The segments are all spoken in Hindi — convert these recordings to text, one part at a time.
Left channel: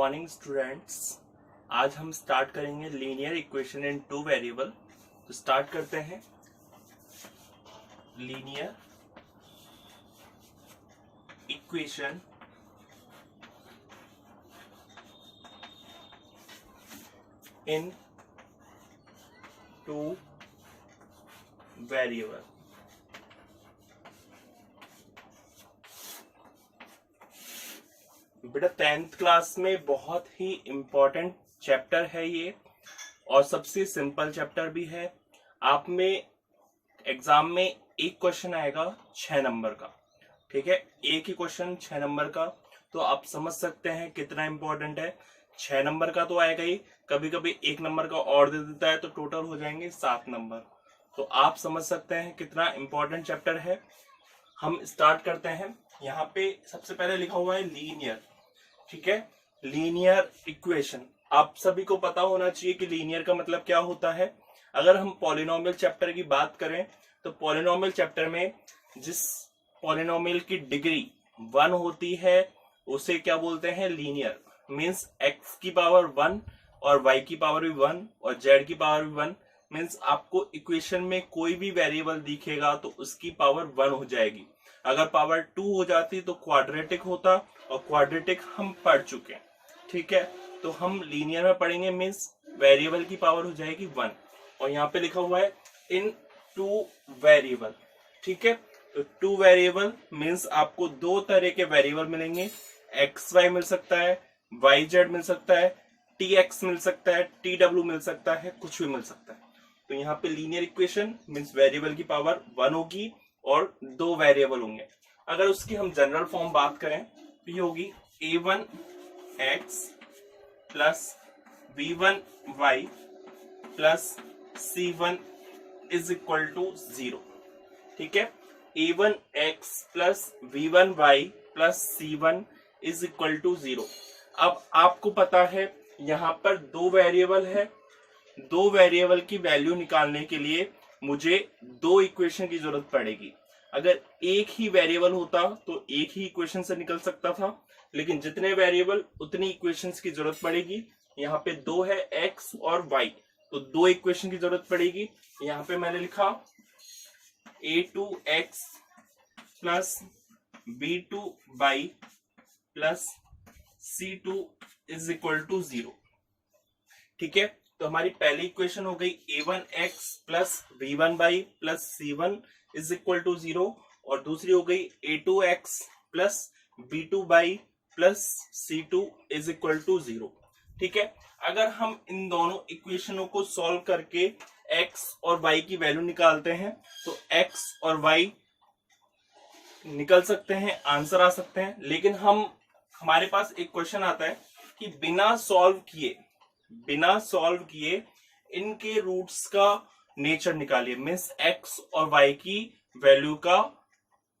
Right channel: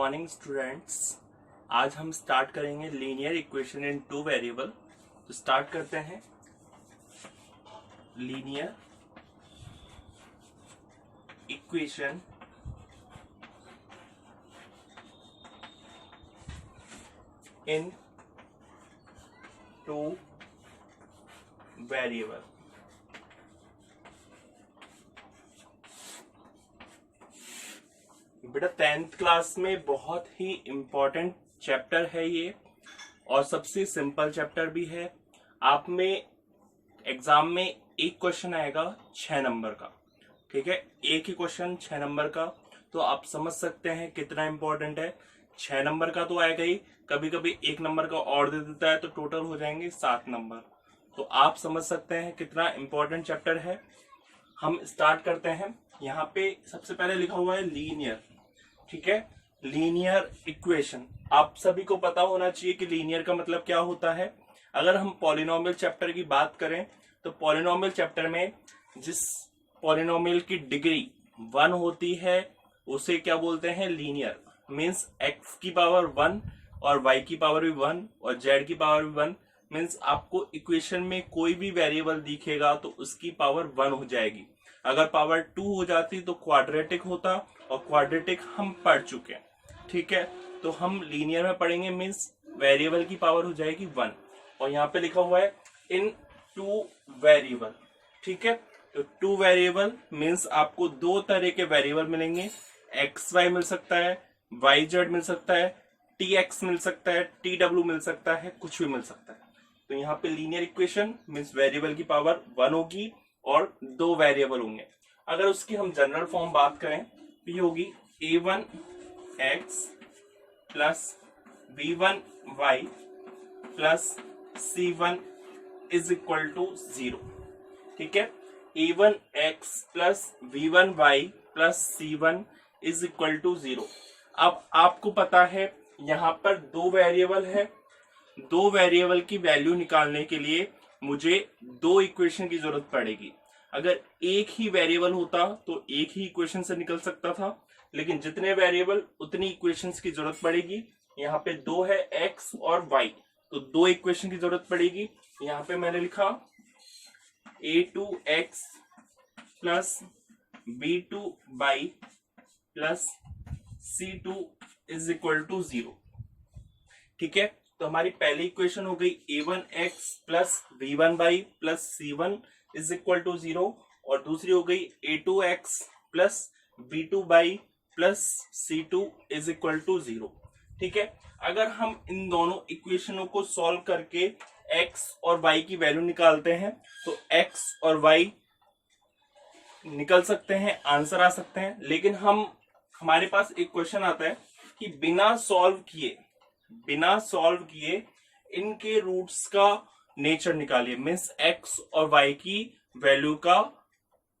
Morning students. आज हम स्टार्ट करेंगे linear equation in two variable. तो स्टार्ट करते हैं। Linear equation in two variable. बेटा 10th क्लास में बहुत ही इम्पोर्टेंट चैप्टर है ये, और सबसे सिंपल चैप्टर भी है। आप में एग्जाम में एक क्वेश्चन आएगा 6 नंबर का, ठीक है, एक ही क्वेश्चन 6 नंबर का। तो आप समझ सकते हैं कितना इम्पोर्टेंट है। 6 नंबर का तो आएगा ही, कभी कभी 1 नंबर का और दे देता है तो टोटल हो जाएंगे 7 नंबर। तो आप समझ सकते हैं कितना इम्पोर्टेंट चैप्टर है। हम स्टार्ट करते हैं। यहाँ पे सबसे पहले लिखा हुआ है लीनियर, ठीक है। लीनियर इक्वेशन आप सभी को पता होना चाहिए कि लीनियर का मतलब क्या होता है। अगर हम पॉलिनोमियल चैप्टर की बात करें तो पॉलिनोमियल चैप्टर में जिस पॉलिनोमियल की डिग्री 1 होती है उसे क्या बोलते हैं, लीनियर। मीन्स x की पावर 1 और y की पावर भी 1 और z की पावर भी 1। मीन्स आपको इक्वेशन में कोई भी वेरिएबल दिखेगा तो उसकी पावर 1 हो जाएगी। अगर पावर 2 हो जाती तो क्वाड्रेटिक होता, और क्वाड्रेटिक हम पढ़ चुके हैं, ठीक है। तो हम लीनियर में पढ़ेंगे, मीन्स वेरिएबल की पावर हो जाएगी 1। और यहाँ पे लिखा हुआ है इन टू वेरिएबल, ठीक है। तो टू वेरिएबल मीन्स आपको दो तरह के वेरिएबल मिलेंगे। एक्स वाई मिल सकता है, वाई जेड मिल सकता है, टी एक्स मिल सकता है, टी डब्ल्यू मिल सकता है, कुछ भी मिल सकता है। तो यहाँ पे लीनियर इक्वेशन मीन्स वेरिएबल की पावर 1 होगी और दो वेरिएबल होंगे। अगर उसकी हम जनरल फॉर्म बात करें तो ये होगी a1x plus b1y plus c1 is equal to 0, ठीक है। a1x plus b1y plus c1 is equal to 0। अब आपको पता है यहाँ पर दो वेरिएबल है, दो वेरिएबल की वैल्यू निकालने के लिए मुझे दो इक्वेशन की जरूरत पड़ेगी। अगर एक ही वेरिएबल होता तो एक ही इक्वेशन से निकल सकता था, लेकिन जितने वेरिएबल उतनी इक्वेशंस की जरूरत पड़ेगी। यहाँ पे दो है x और y, तो दो इक्वेशन की जरूरत पड़ेगी। यहाँ पे मैंने लिखा a2x plus b2y plus c2 is equal to 0, ठीक है। तो हमारी पहली इक्वेशन हो गई a1x plus b1y plus c1 is equal to 0, और दूसरी हो गई a2x plus b2y plus c2 is equal to 0, ठीक है। अगर हम इन दोनों इक्वेशनों को सॉल्व करके x और y की वैल्यू निकालते हैं तो x और y निकल सकते हैं, आंसर आ सकते हैं। लेकिन हमारे पास एक क्वेश्चन आता है कि बिना सॉल्व किए इनके रूट्स का नेचर निकालिए। मीन्स x और y की वैल्यू का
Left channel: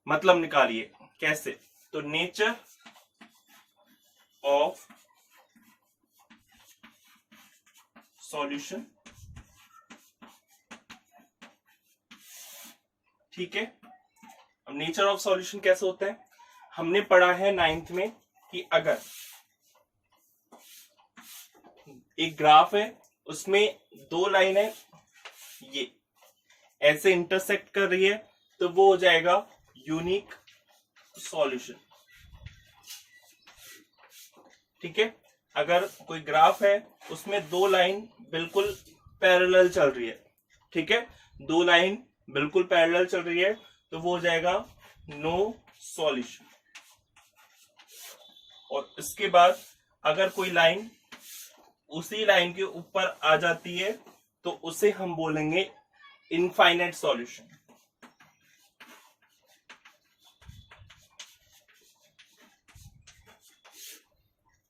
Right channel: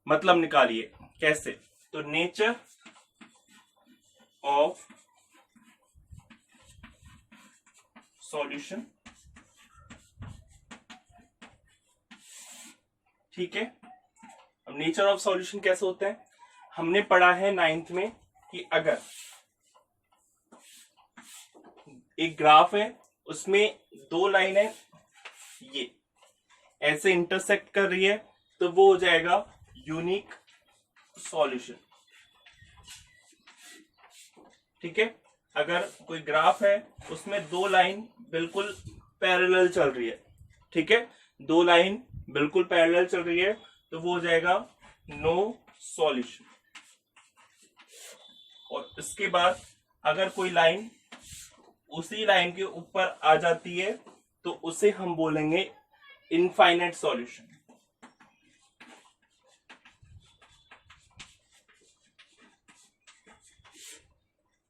मतलब निकालिए। कैसे? तो नेचर ऑफ सॉल्यूशन, ठीक है। अब नेचर ऑफ सॉल्यूशन कैसे होते हैं, हमने पढ़ा है 9th में कि अगर एक ग्राफ है उसमें दो लाइन है, ये ऐसे इंटरसेक्ट कर रही है तो वो हो जाएगा यूनिक सॉल्यूशन, ठीक है। अगर कोई ग्राफ है उसमें दो लाइन बिल्कुल पैरेलल चल रही है, ठीक है, दो लाइन बिल्कुल पैरेलल चल रही है तो वो हो जाएगा नो सॉल्यूशन। और इसके बाद अगर कोई लाइन उसी लाइन के ऊपर आ जाती है तो उसे हम बोलेंगे इनफाइनाइट सॉल्यूशन,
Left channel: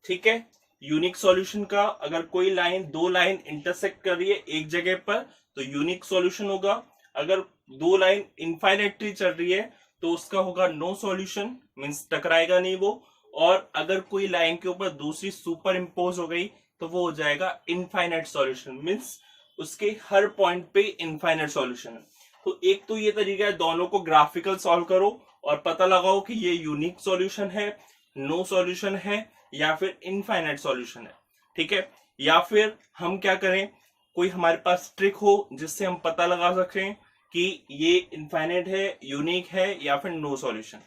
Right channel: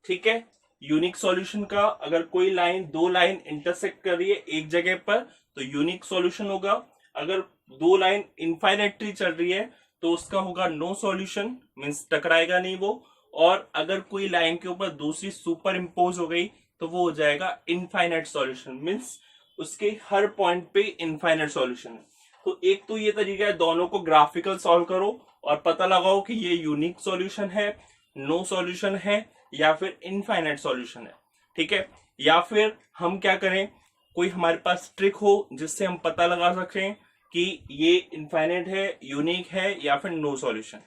ठीक है। यूनिक सॉल्यूशन का अगर कोई लाइन दो लाइन इंटरसेक्ट कर रही है एक जगह पर तो यूनिक सॉल्यूशन होगा। अगर दो लाइन इनफाइनाइटली चल रही है तो उसका होगा नो सॉल्यूशन, मींस टकराएगा नहीं वो। और अगर कोई लाइन के ऊपर दूसरी सुपर इम्पोज हो गई तो वो हो जाएगा इनफाइनाइट सॉल्यूशन, मींस उसके हर पॉइंट पे इनफाइनाइट सॉल्यूशन है। तो एक तो ये तरीका है, दोनों को ग्राफिकल सॉल्व करो और पता लगाओ कि ये यूनिक सॉल्यूशन है, नो सॉल्यूशन है या फिर इनफाइनाइट सॉल्यूशन है, ठीक है। या फिर हम क्या करें, कोई हमारे पास ट्रिक हो जिससे हम पता लगा सकें कि ये इनफाइनाइट है, यूनिक है या फिर नो सॉल्यूशन,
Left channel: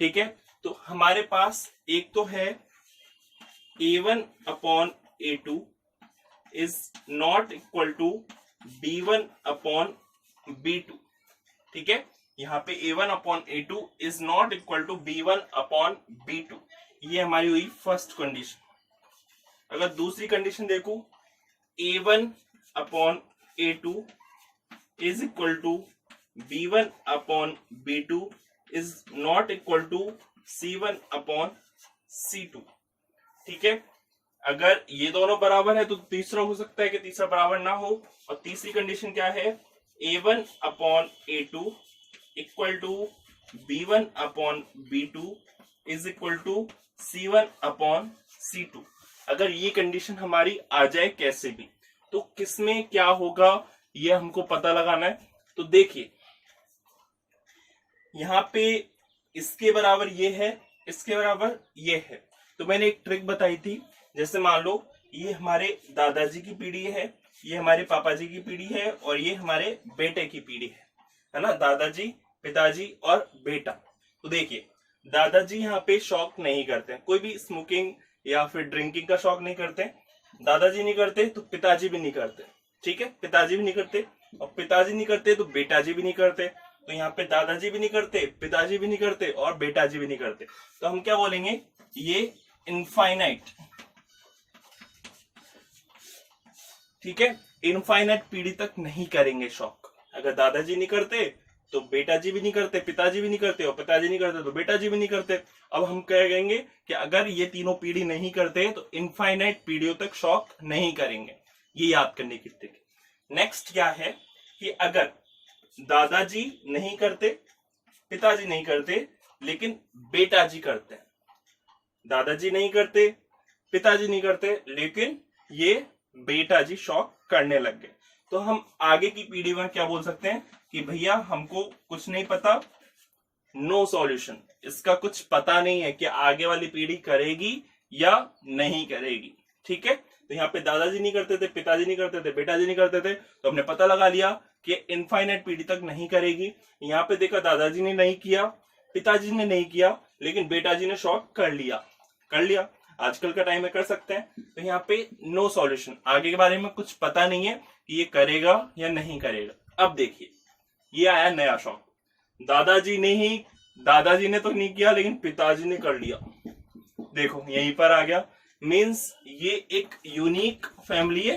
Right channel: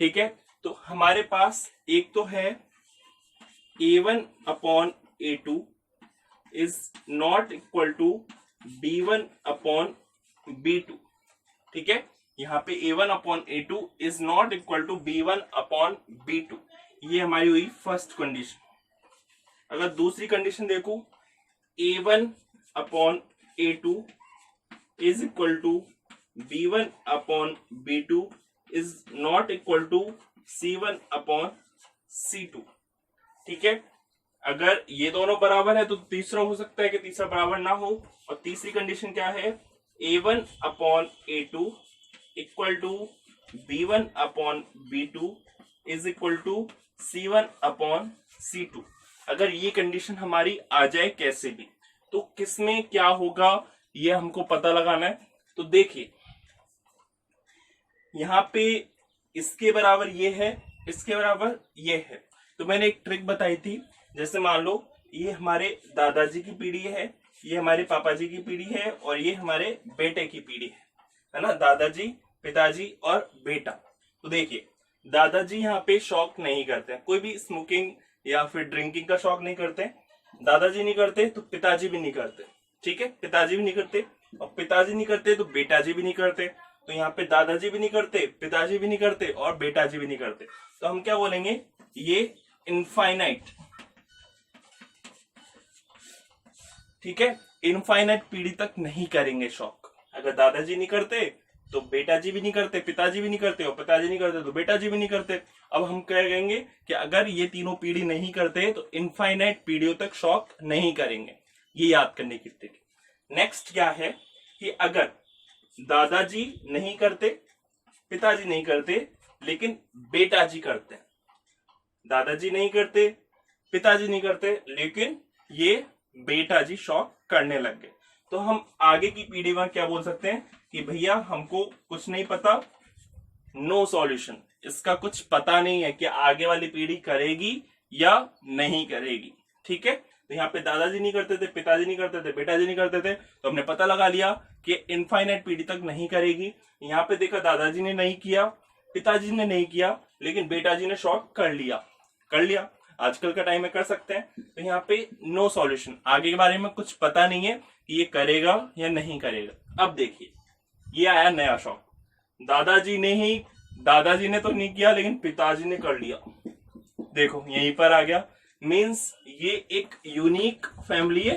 ठीक है। तो हमारे पास एक तो है a1 upon a2 is not equal to b1 upon b2, ठीक है। यहाँ पे a1 upon a2 is not equal to b1 upon b2, ये हमारी हुई फर्स्ट कंडीशन। अगर दूसरी कंडीशन देखो, a1 upon a2 is equal to b1 upon b2 is not equal to c1 upon c2, ठीक है। अगर ये दोनों बराबर है तो तीसरा हो सकता है कि तीसरा बराबर ना हो। और तीसरी कंडीशन क्या है, a1 upon a2 equal to b1 upon b2 is equal to c1 upon c2। अगर ये कंडीशन हमारी आ जाए कैसे भी, तो किसमें क्या होगा ये हमको पता लगाना है। तो देखिए यहां पे इसके बराबर ये है, इसके बराबर ये है। तो मैंने एक ट्रिक बताई थी, जैसे मान लो ये हमारे दादाजी की पीढ़ी है, ये हमारे पापा जी की पीढ़ी है और ये हमारे बेटे की पीढ़ी है ना, दादाजी, पिताजी और बेटा। तो देखिए दादाजी यहाँ पे शौक नहीं करते, कोई भी स्मोकिंग या फिर ड्रिंकिंग का शौक नहीं करते, दादाजी नहीं करते तो पिताजी भी नहीं करते, ठीक है। पिताजी भी नहीं करते और पिताजी नहीं करते तो बेटाजी भी नहीं करते। तो यहाँ पे दादाजी भी नहीं करते, पिताजी भी नहीं करते और बेटाजी भी नहीं करते। तो हम क्या बोलेंगे, ये इनफाइनाइट, ठीक है, इनफाइनाइट पीढ़ी तक नहीं करेंगे शौक। अगर दादाजी नहीं करते तो बेटाजी भी नहीं करते, पिताजी भी नहीं करते और पिताजी नहीं करते तो बेटाजी भी नहीं करते। अब हम कह कहेंगे कि अगर ये तीनों पीढ़ी नहीं करते तो इनफाइनाइट पीढ़ियों तक शौक नहीं करेंगे, ये याद करने की ट्रिक। नेक्स्ट क्या है कि अगर दादाजी नहीं करते, पिताजी नहीं करते लेकिन बेटाजी करते हैं, दादाजी नहीं करते, पिताजी नहीं करते लेकिन ये बेटाजी शौक करने लग गए, तो हम आगे की पीढ़ी में क्या बोल सकते हैं कि भैया हमको कुछ नहीं पता, नो सॉल्यूशन, इसका कुछ पता नहीं है कि आगे वाली पीढ़ी करेगी या नहीं करेगी, ठीक है। तो यहाँ पे दादाजी नहीं करते थे, पिताजी नहीं करते थे, बेटाजी नहीं करते थे, तो हमने पता लगा लिया कि इनफाइनाइट पीढ़ी तक नहीं करेगी। यहाँ पे देखा दादाजी ने नहीं किया, पिताजी ने नहीं किया लेकिन बेटाजी ने शौक कर लिया, कर लिया, आजकल का टाइम में कर सकते हैं। तो यहाँ पे नो सॉल्यूशन, आगे के बारे में कुछ पता नहीं है कि ये करेगा या नहीं करेगा। अब देखिए ये आया नया शौक, दादाजी ने तो नहीं किया लेकिन पिताजी ने कर लिया, देखो यहीं पर आ गया। मींस ये एक यूनिक फैमिली है,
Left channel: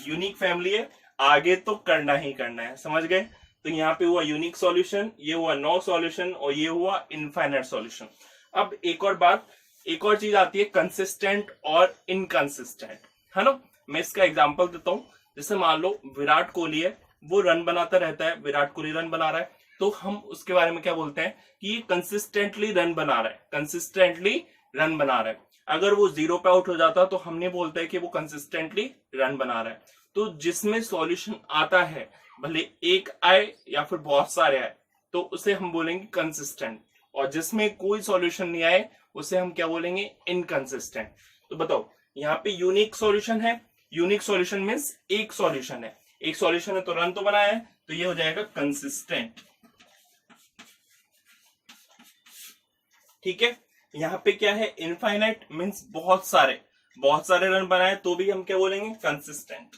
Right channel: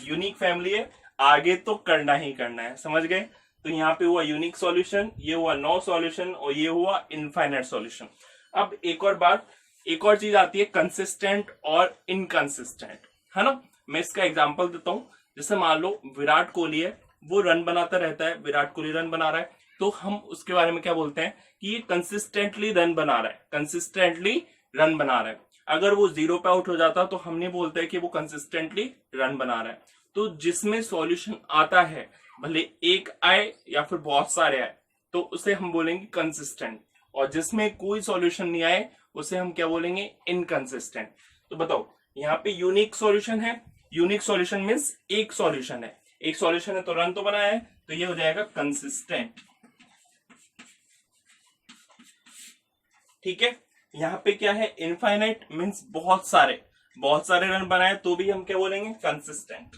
यूनिक फैमिली है, आगे तो करना ही करना है, समझ गए। तो यहाँ पे हुआ यूनिक सॉल्यूशन, ये हुआ नो सॉल्यूशन और ये हुआ इनफाइनाइट सॉल्यूशन। अब एक और बात, एक और चीज आती है कंसिस्टेंट और इनकंसिस्टेंट, है ना। मैं इसका एग्जांपल देता हूं, जैसे मान लो विराट कोहली है, वो रन बनाता रहता है, विराट कोहली रन बना रहा है, तो हम उसके बारे में क्या बोलते हैं कि ये कंसिस्टेंटली रन बना रहा है, कंसिस्टेंटली रन बना रहा है। अगर वो 0 पे आउट हो जाता तो हम नहीं बोलते कि वो कंसिस्टेंटली रन बना रहा है। तो जिसमें सॉल्यूशन आता है, भले एक आए या फिर बहुत सारे आए, तो उसे हम बोलेंगे कंसिस्टेंट, और जिसमें कोई सॉल्यूशन नहीं आए उसे हम क्या बोलेंगे, इनकंसिस्टेंट। तो बताओ यहाँ पे यूनिक सॉल्यूशन है, यूनिक सॉल्यूशन मींस एक सॉल्यूशन है, एक सॉल्यूशन है तो रन तो बनाया है, तो ये हो जाएगा कंसिस्टेंट, ठीक है। यहाँ पे क्या है, इनफाइनाइट मींस बहुत सारे रन बनाए तो भी हम क्या बोलेंगे, कंसिस्टेंट,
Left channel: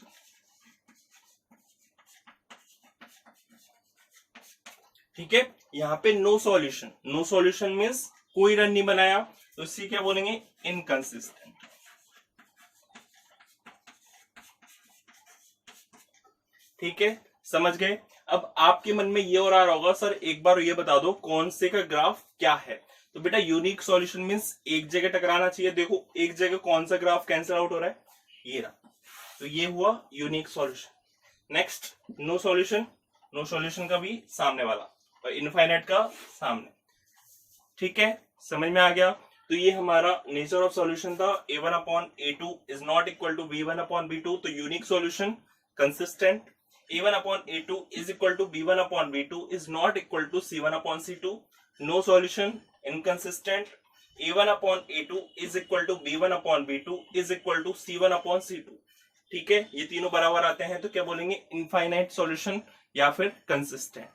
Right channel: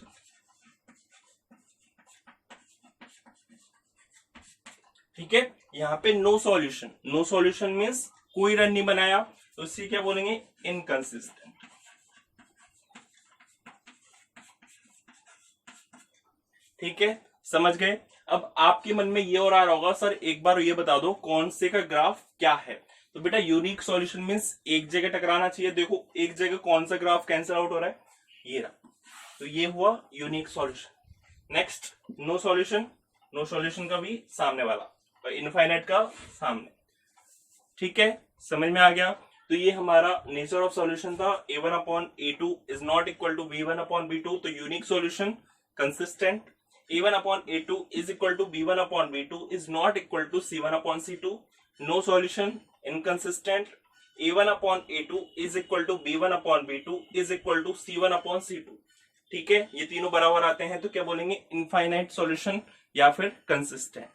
ठीक है। यहाँ पे no solution, no solution means कोई रन नहीं बनाया, तो इसी क्या बोलेंगे, इनकंसिस्टेंट, ठीक है, समझ गए। अब आपके मन में ये और आ रहा होगा, सर एक बार ये बता दो कौन से का ग्राफ क्या है। तो बेटा यूनिक सॉल्यूशन मींस एक जगह टकराना चाहिए, देखो एक जगह कौन सा ग्राफ कैंसिल आउट हो रहा है, ये रहा, तो ये हुआ unique solution. Next no solution, no solution का भी सामने वाला और इनफाइनाइट का सामने, ठीक है, समझ में आ गया। तो ये हमारा नेचर ऑफ सॉल्यूशन था, a1 upon a2 is not equal to b1 upon b2, तो unique solution consistent, a1 upon a2 is equal to b1 upon b2 is not equal to c1 upon c2, no solution inconsistent, a1 upon a2 is equal to b1 upon b2 is equal to c1 upon c2। ठीक है, ये तीनों बराबर आते हैं तो क्या बोलेंगे, इनफाइनाइट सॉल्यूशन या फिर कंसिस्टेंट।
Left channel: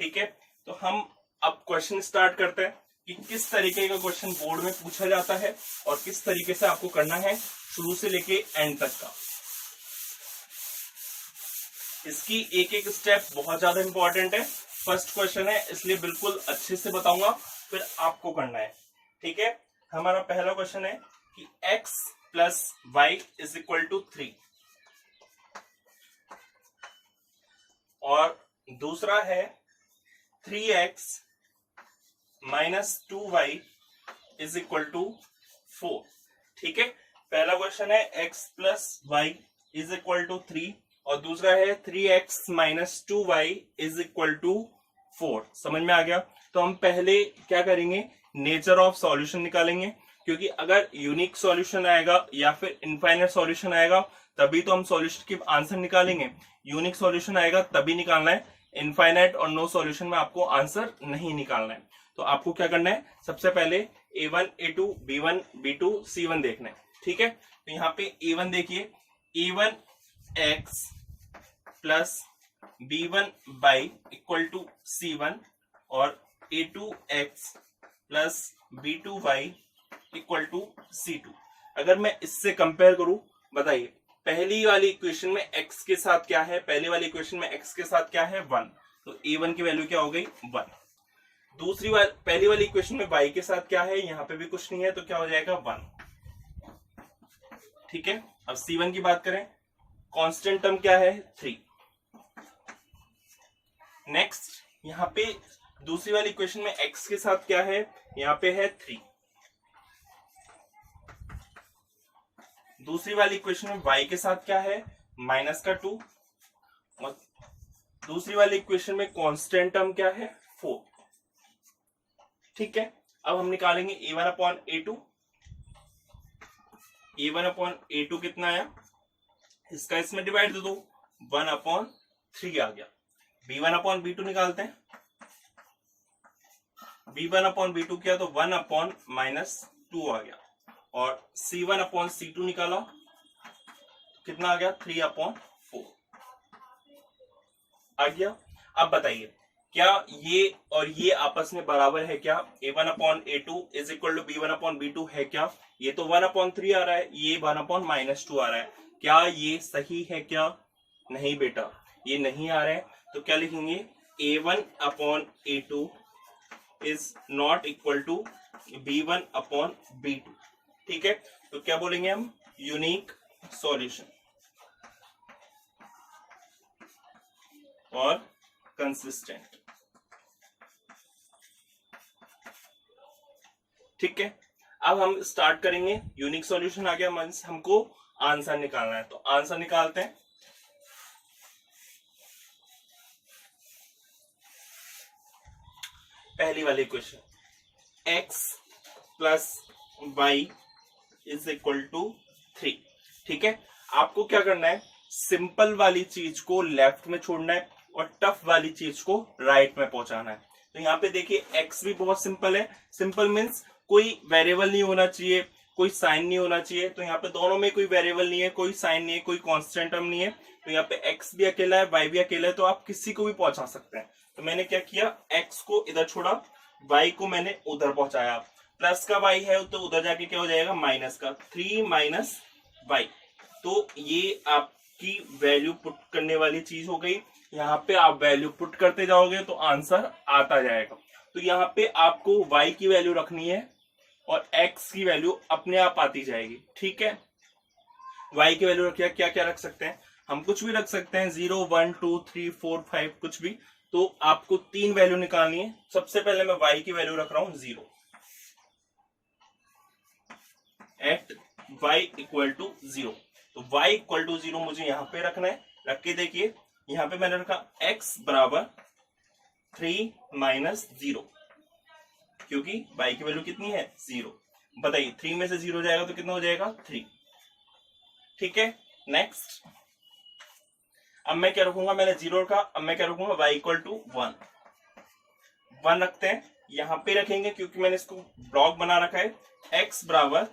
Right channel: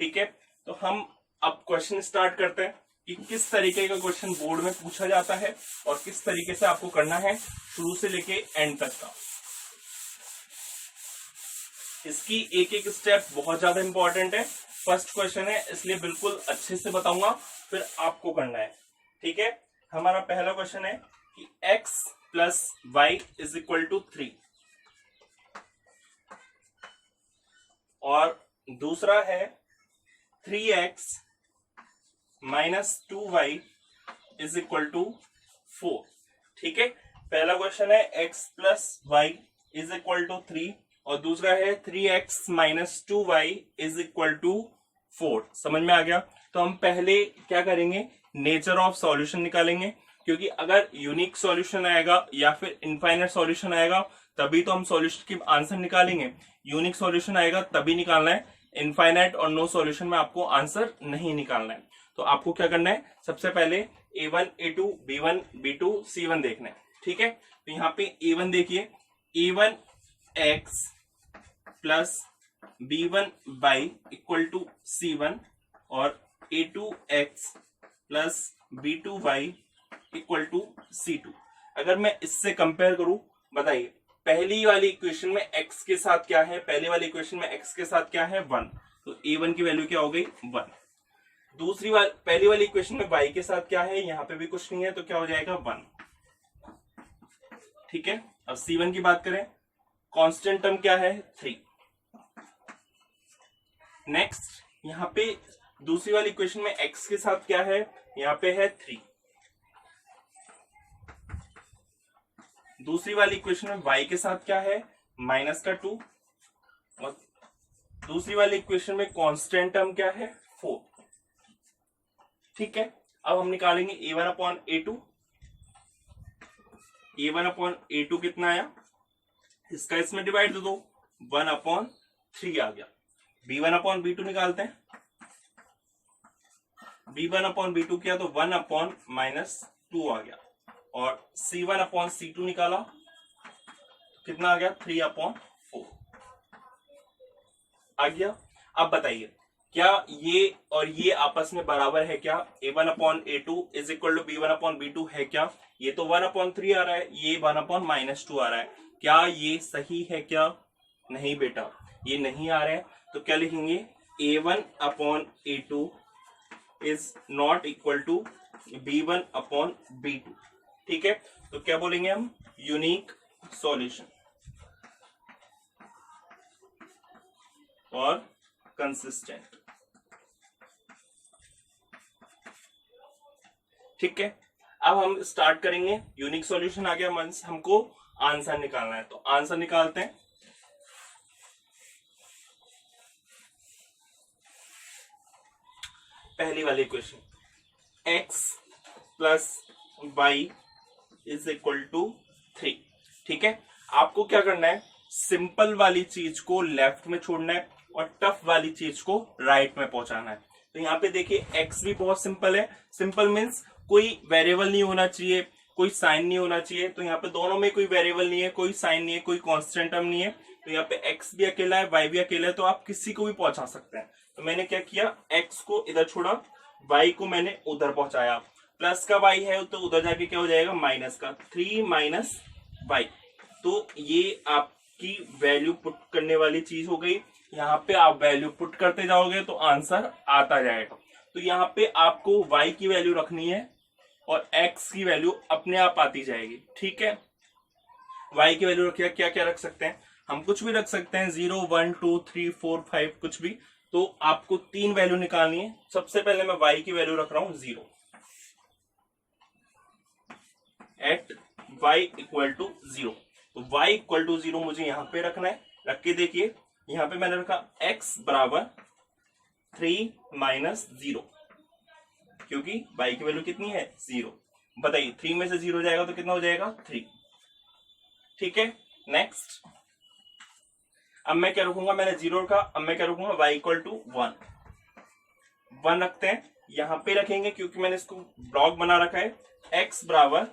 ठीक है, तो हम अब क्वेश्चन स्टार्ट करते हैं कि किस तरीके का क्वेश्चन बोर्ड में पूछा जाता है और किस तरीके से आपको करना है शुरू से लेके एंड तक का। इसकी एक एक स्टेप बहुत ज्यादा इंपॉर्टेंट है। फर्स्ट क्वेश्चन है इसलिए बिल्कुल अच्छे से बताऊंगा, फिर आपको करना है। ठीक है, हमारा पहला क्वेश्चन है कि x plus Y is equal to 3 और दूसरा है 3x minus 2y is equal to 4। ठीक है, पहला क्वेश्चन है x plus Y is equal to 3 और दूसरा है 3x minus 2y is equal to 4। समझ में आ गया? तो हम पहले क्या करेंगे, नेचर ऑफ सॉल्यूशन निकालेंगे, क्योंकि अगर यूनिक सॉल्यूशन आएगा या फिर इनफाइनाइट सॉल्यूशन आएगा तभी तो हम सॉल्यूशन की आंसर निकालेंगे। यूनिक सॉल्यूशन आएगा तभी निकालना है, इनफाइनाइट और नो सॉल्यूशन में आपको आंसर नहीं निकालना है। तो आपको क्या करना है, सबसे पहले a1 a2 b1 b2 c1 देखना है। ठीक है, तो यहाँ पे a1 देखिए, a1x plus b1 by equal to c1 और a2x plus b2y equal to c2। अगर मैं इससे कंपेयर करूं, बताइए पहली वाली इक्वेशन में x के साथ क्या है, पहले वाली इक्वेशन में x के साथ क्या है 1, तो a1 की वैल्यू क्या हो गई 1। दूसरी वाली पहली वाली इक्वेशन में y के साथ क्या है, यहाँ पे भी कुछ नहीं है तो क्या हो जाएगा 1। ठीक है, अब c1 की बात करें, कांस्टेंट टर्म क्या है 3। नेक्स्ट यहाँ पे दूसरी वाली इक्वेशन में x के साथ क्या है, यहाँ पे है 3। दूसरी वाली इक्वेशन में y के साथ क्या है, माइनस का 2 और दूसरी वाली इक्वेशन में कांस्टेंट टर्म क्या है 4। ठीक है, अब हम निकालेंगे a1 upon a2। a1 upon a2 कितना आया, इसका इसमें डिवाइड दे दो, 1 अपॉन 3 आ गया। b1 अपॉन b2 निकालते हैं, b1 अपॉन b2 किया तो 1 अपॉन माइनस 2 आ गया और c1 अपॉन c2 निकाला, कितना आ गया 3 अपॉन 4 आ गया। अब बताइए क्या ये और ये आपस में बराबर है क्या, a1 upon a2 is equal to b1 upon b2 है क्या? ये तो 1 अपॉन 3 आ रहा है, ये 1 अपॉन माइनस 2 आ रहा है, क्या ये सही है क्या? नहीं बेटा, ये नहीं आ रहा है। तो क्या लिखेंगे, a1 upon a2 is not equal to b1 upon b2। ठीक है, तो क्या बोलेंगे हम, यूनिक सॉल्यूशन और कंसिस्टेंट। ठीक है, अब हम स्टार्ट करेंगे। यूनिक सॉल्यूशन आ गया, मींस हमको आंसर निकालना है, तो आंसर निकालते हैं। पहली वाली equation x plus Y is equal to 3। ठीक है, आपको क्या करना है, सिंपल वाली चीज को लेफ्ट में छोड़ना है और टफ वाली चीज को राइट में पहुंचाना है। तो यहाँ पे देखिए x भी बहुत सिंपल है, सिंपल मीन्स कोई वेरिएबल नहीं होना चाहिए, कोई साइन नहीं होना चाहिए। तो यहाँ पे दोनों में कोई वेरिएबल नहीं है, कोई साइन नहीं है, कोई कांस्टेंट टर्म नहीं है, तो यहाँ पे x भी अकेला है, y भी अकेला है, तो आप किसी को भी पहुंचा सकते हैं। तो मैंने क्या किया, x को इधर छोड़ा, y को मैंने उधर पहुंचाया। प्लस का y है तो उधर जाके क्या हो जाएगा, माइनस का 3 माइनस y। तो ये आपकी वैल्यू पुट करने वाली चीज हो गई। यहाँ पे आप वैल्यू पुट करते जाओगे तो आंसर आता जाएगा। तो यहाँ पे आपको y की वैल्यू रखनी है और x की वैल्यू अपने आप आती जाएगी। ठीक है, y की वैल्यू रखिए, क्या क्या रख सकते हैं हम, कुछ भी रख सकते हैं, 0 1 2 3 4 5 कुछ भी। तो आपको 3 वैल्यू निकालनी है। सबसे पहले मैं y की वैल्यू रख रहा हूं 0 एट y इक्वल टू 0। तो y इक्वल टू 0 मुझे यहाँ पे रखना है। रख के देखिए, यहाँ पे मैंने रखा x बराबर 3 माइनस 0, क्योंकि y की वैल्यू कितनी है 0। बताइए 3 में से 0 जाएगा तो कितना हो जाएगा 3। ठीक है, नेक्स्ट अब मैं क्या रखूंगा, मैंने 0 रखा, अब मैं क्या रखूंगा y इक्वल टू 1 रखते हैं। यहां पे रखेंगे क्योंकि मैंने इसको ब्लॉक बना रखा है। x बराबर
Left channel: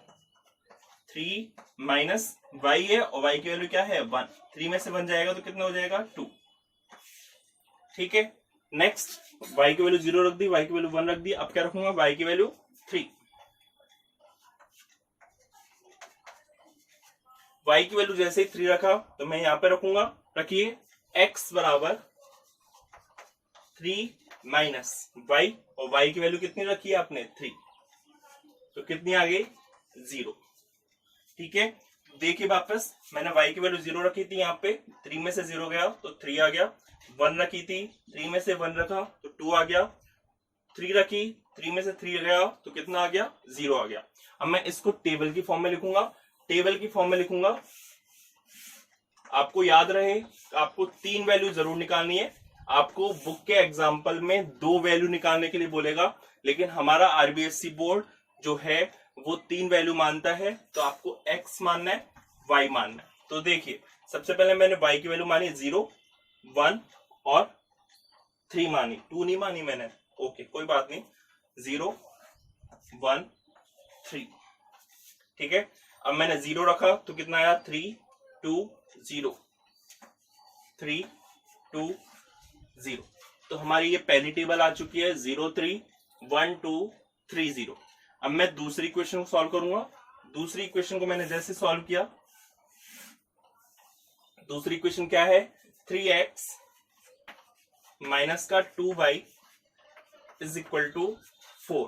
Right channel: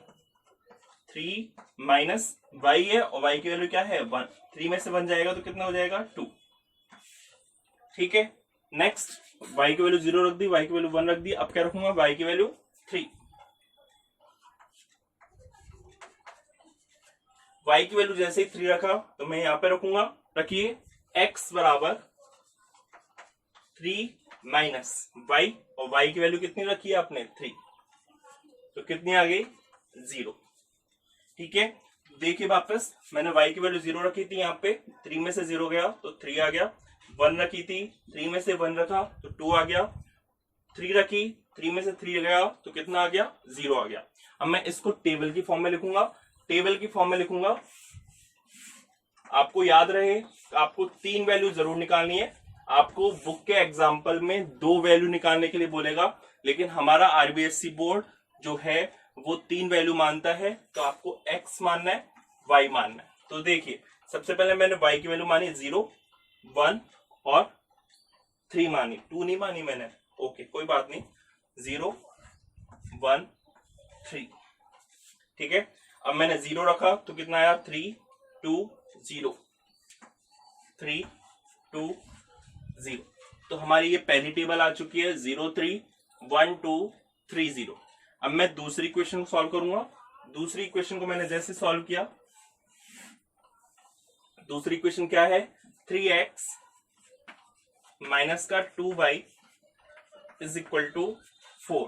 3 माइनस y है और y की वैल्यू क्या है 1, 3 में से 1 जाएगा तो कितना हो जाएगा 2। ठीक है, नेक्स्ट y की वैल्यू 0 रख दी, y की वैल्यू 1 रख दी। अब क्या रखूंगा, y की वैल्यू 3, y की वैल्यू जैसे ही 3 रखा तो मैं यहां पे रखूंगा। रखिए x बराबर 3 माइनस y, और y की वैल्यू कितनी रखी है आपने 3, तो कितनी आ गई 0। ठीक है, देखिए वापस मैंने y की वैल्यू 0 रखी थी, यहाँ पे 3 में से 0 गया तो 3 आ गया। 1 रखी थी, 3 में से 1 रखा तो 2 आ गया। 3 रखी, 3 में से 3 गया तो कितना आ गया 0 आ गया। अब मैं इसको टेबल की फॉर्म में लिखूंगा। टेबल की फॉर्म में लिखूंगा, आपको याद रहे आपको 3 वैल्यू जरूर निकालनी है। आपको बुक के एग्जाम्पल में 2 वैल्यू निकालने के लिए बोलेगा, लेकिन हमारा आरबीएससी बोर्ड जो है वो 3 वैल्यू मानता है, तो आपको x मानना है, y मानना है। तो देखिए सबसे पहले मैंने y की वैल्यू मानी 0, 1 और 3 मानी, 2 नहीं मानी मैंने। ओके कोई बात नहीं, 0, 1, 3। ठीक है, अब मैंने 0 रखा तो कितना आया 3, 2, 0, 3, 2, 0। तो हमारी ये पहली टेबल आ चुकी है 0, 3, 1, 2, 3, 0। अब मैं दूसरी इक्वेशन को सॉल्व करूंगा। दूसरी इक्वेशन को मैंने जैसे सॉल्व किया, दूसरी इक्वेशन क्या है 3x माइनस का 2y इज इक्वल टू 4।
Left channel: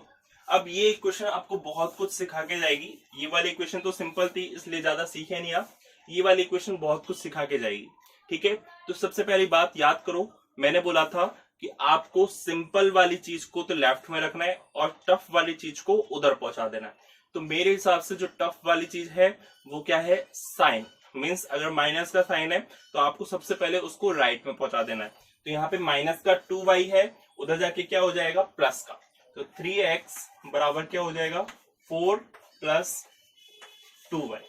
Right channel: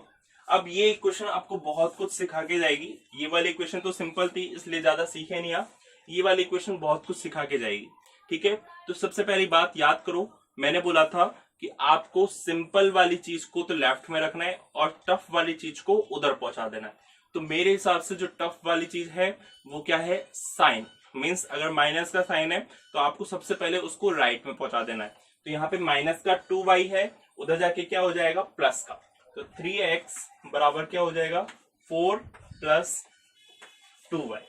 अब ये इक्वेशन आपको बहुत कुछ सिखा के जाएगी। ये वाली इक्वेशन तो सिंपल थी इसलिए ज्यादा सीखे नहीं आप, ये वाली इक्वेशन बहुत कुछ सिखा के जाएगी। ठीक है, तो सबसे पहली बात याद करो, मैंने बोला था कि आपको सिंपल वाली चीज को तो लेफ्ट में रखना है और टफ वाली चीज को उधर पहुंचा देना है। तो मेरे हिसाब से जो टफ वाली चीज है वो क्या है, साइन। मीन्स अगर माइनस का साइन है तो आपको सबसे पहले उसको राइट में पहुंचा देना है। तो यहाँ पे माइनस का 2y है, उधर जाके क्या हो जाएगा प्लस का, तो 3x बराबर क्या हो जाएगा 4 प्लस 2y।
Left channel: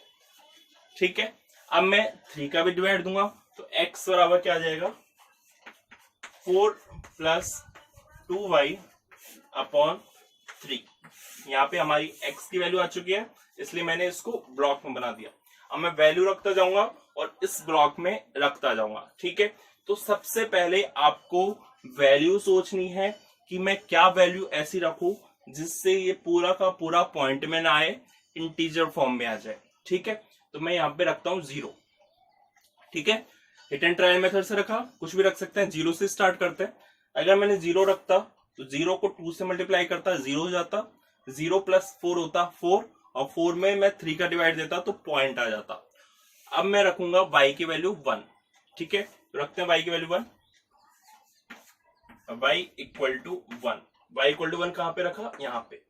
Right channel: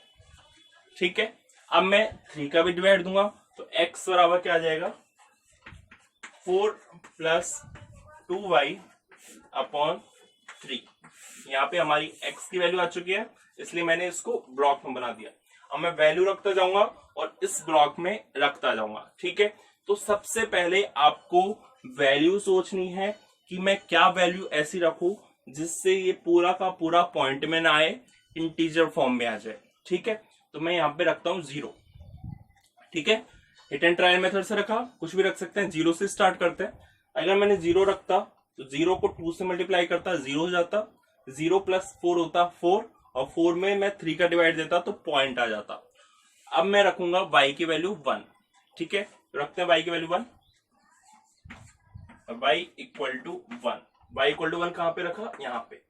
ठीक है, अब मैं 3 का भी डिवाइड दूंगा तो x बराबर क्या आ जाएगा 4 प्लस 2y अपॉन 3। यहाँ पे हमारी x की वैल्यू आ चुकी है, इसलिए मैंने इसको ब्लॉक में बना दिया। अब मैं वैल्यू रखता जाऊंगा और इस ब्लॉक में रखता जाऊंगा। ठीक है, तो सबसे पहले आपको वैल्यू सोचनी है कि मैं क्या वैल्यू ऐसी रखूं जिससे ये पूरा का पूरा पॉइंट में ना आए, इंटीजर फॉर्म में आ जाए। ठीक है, तो मैं यहाँ पे रखता हूं 0। ठीक है, हिट एंड ट्रायल मेथड से रखा, कुछ भी रख सकते हैं, 0 से स्टार्ट करते हैं। अगर मैंने 0 रखता तो 0 को 2 से मल्टीप्लाई करता 0 हो जाता, 0 प्लस 4 होता 4, और 4 में मैं 3 का डिवाइड देता तो पॉइंट आ जाता। अब मैं रखूंगा y की वैल्यू 1। ठीक है, रखते हैं y की value 1, y equal to 1। y equal to 1 कहां पे रखा, यहाँ पे।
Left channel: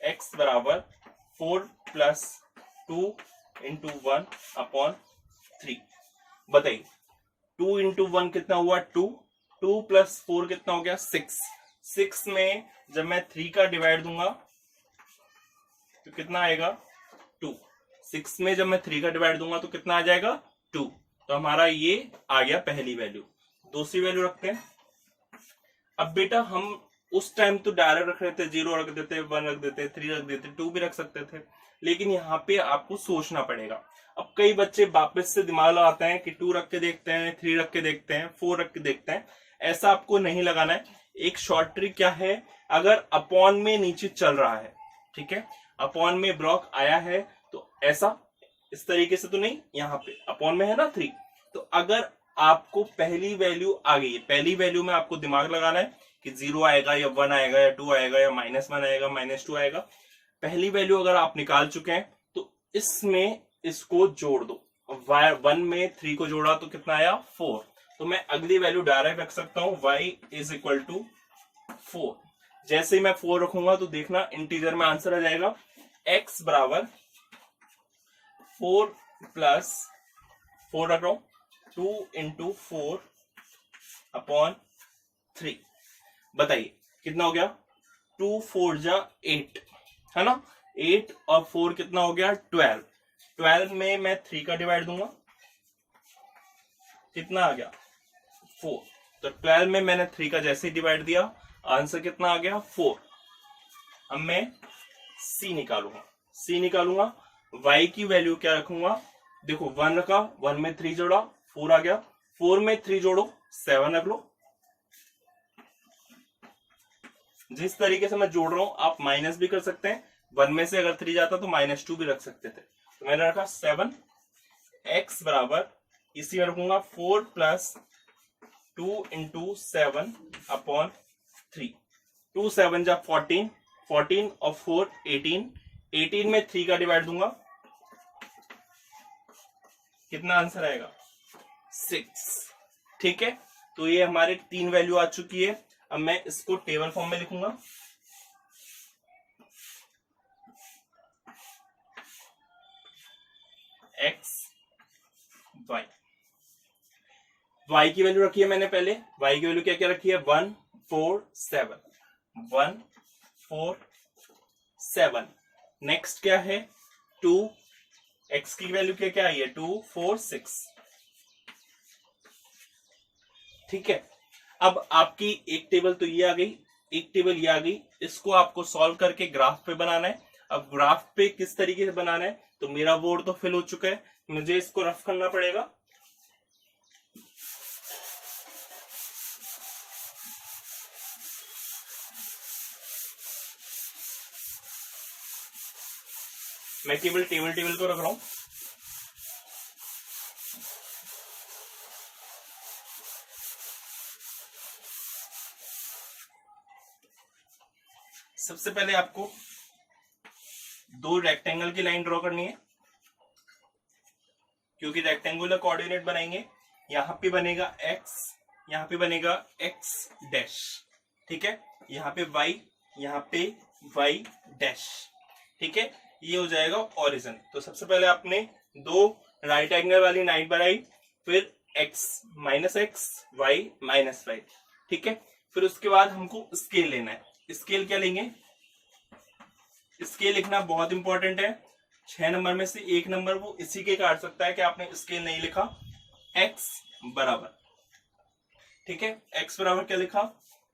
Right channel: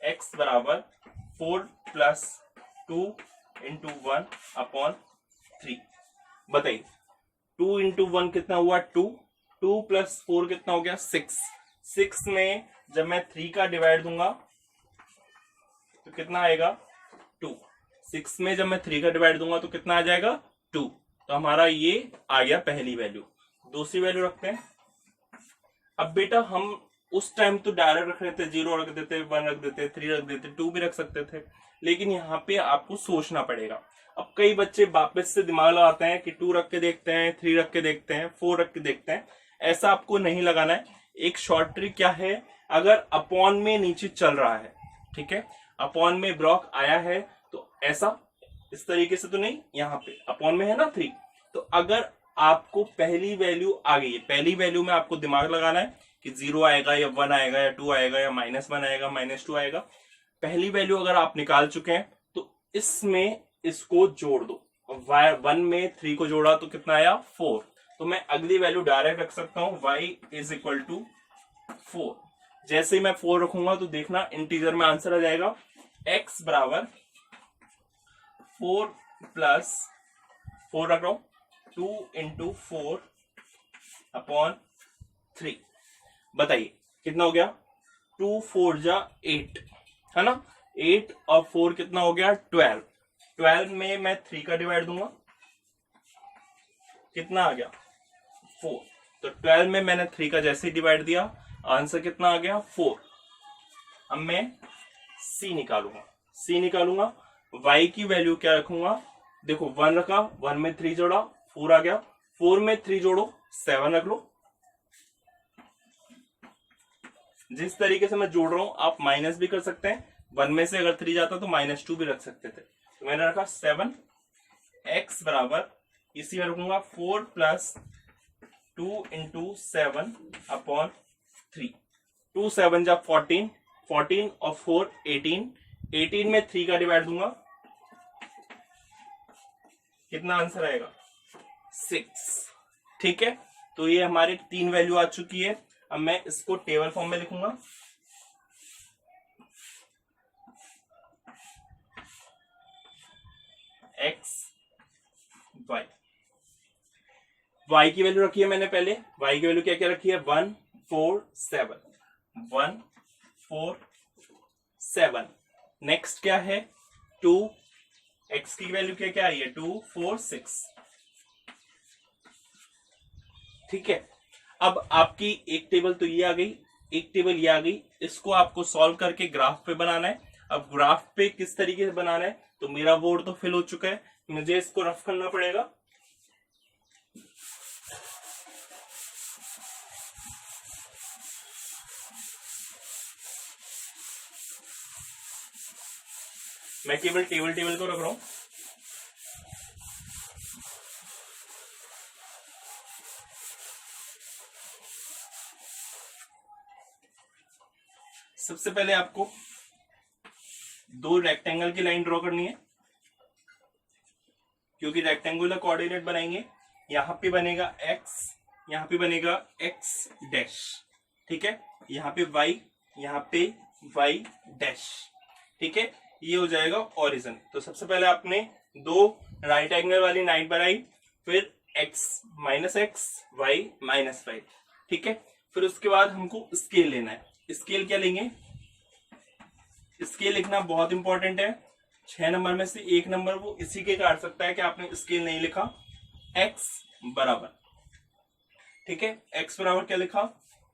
x बराबर 4 प्लस 2 इंटू 1 अपॉन 3। बताइए 2 इंटू 1 कितना हुआ 2, 2 प्लस 4 कितना हो गया 6। 6 में जब मैं 3 का डिवाइड दूंगा तो कितना आएगा 2। 6 में जब मैं 3 का डिवाइड दूंगा तो कितना आ जाएगा 2। तो हमारा ये आ गया पहली वैल्यू। दूसरी वैल्यू रखते हैं। अब बेटा हम उस टाइम तो डायरेक्ट रख रहे थे, 0 रख देते, 1 रख देते, 3 रख देते, 2 भी रख सकते थे, लेकिन यहाँ पे आपको सोचना पड़ेगा। अब कई बच्चे वापस से दिमाग लगाते हैं कि 2 रख के देखते हैं, 3 रख के देखते हैं, 4 रख के देखते हैं। ऐसा आपको नहीं लगाना है। एक शॉर्ट ट्रिक क्या है, अगर अपॉन में नीचे चल रहा है, ठीक है, अपॉन में ब्लॉक आया है तो ऐसा इस तरीके से तो नहीं, यहाँ पे अपॉन में है ना 3, तो अगर आपको पहली वैल्यू आ गई है, पहली वैल्यू में आपको दिमाग लगाना है कि 0 आएगा या 1 आएगा या 2 आएगा या -1 आएगा, -2 आएगा। पहली वैल्यू अगर आप निकाल चुके हैं तो इसमें इसको जोड़ दो। 1 में 3 को जोड़ा तो कितना आया 4। तो मैं अगली वैल्यू डायरेक्ट रख सकता हूं, y इज इक्वल टू 4। जैसे ही मैं 4 रखूंगा तो देखना इंटीजर में आंसर आ जाएगा, x बराबर 4 प्लस 4 रख रहा हूं 2 इंटू 4 अपॉन 3। बताइए कितना हो गया, 2 4 जा 8 है ना, 8 और 4 कितना हो गया 12। 12 में मैं 3 का डिवाइड दूंगा, कितना आ गया 4। तो 12 में मैंने 3 का जैसे ही डिवाइड दिया, आंसर कितना आ गया 4। अब मैं c निकालूंगा। y की वैल्यू क्या रखूंगा, देखो 1 रखा, 1 में 3 जोड़ा 4 आ गया, 4 में 3 जोड़ो 7 रख लो। जिस तरीके से मैं जोड़ रहा हूं आप माइनस भी कर सकते हैं, 1 में से अगर 3 जाता तो -2 भी रख सकते थे। तो मैंने रखा 7, x बराबर इसी में रखूंगा 4 + 2 × 7 अपॉन 3। 2 7 जा 14, 14 और 4 18, 18 में 3 का डिवाइड दूंगा, कितना आंसर आएगा 6। ठीक है, तो ये हमारे 3 वैल्यू आ चुकी है। अब मैं इसको टेबल फॉर्म में लिखूंगा। x y, y की वैल्यू रखी है मैंने पहले, y की वैल्यू क्या क्या रखी है 1 4 7, 1 4 7। नेक्स्ट क्या है 2, x की वैल्यू क्या क्या आई है 2 4 6। ठीक है, अब आपकी एक टेबल तो ये आ गई, एक टेबल ये आ गई, इसको आपको सॉल्व करके ग्राफ पे बनाना है। अब ग्राफ पे किस तरीके से बनाना है, तो मेरा बोर्ड तो फिल हो चुका है, मुझे इसको रफ करना पड़ेगा। मैं केवल टेबल को रख रहा हूं। सबसे पहले आपको 2 रेक्टेंगल की लाइन ड्रॉ करनी है, क्योंकि रेक्टेंगुलर कोऑर्डिनेट बनाएंगे। यहां पे बनेगा x, यहां पे बनेगा x डैश। ठीक है, यहाँ पे y, यहाँ पे y डैश। ठीक है, ये हो जाएगा ओरिजिन। तो सबसे पहले आपने 2 राइट एंगल वाली लाइन बनाई, फिर x -x y -y। ठीक है, फिर उसके बाद हमको स्केल लेना है। स्केल क्या लेंगे, स्केल लिखना बहुत इंपॉर्टेंट है। 6 नंबर में से 1 नंबर वो इसी के काट सकता है कि आपने स्केल नहीं लिखा। x बराबर, ठीक है, x बराबर क्या लिखा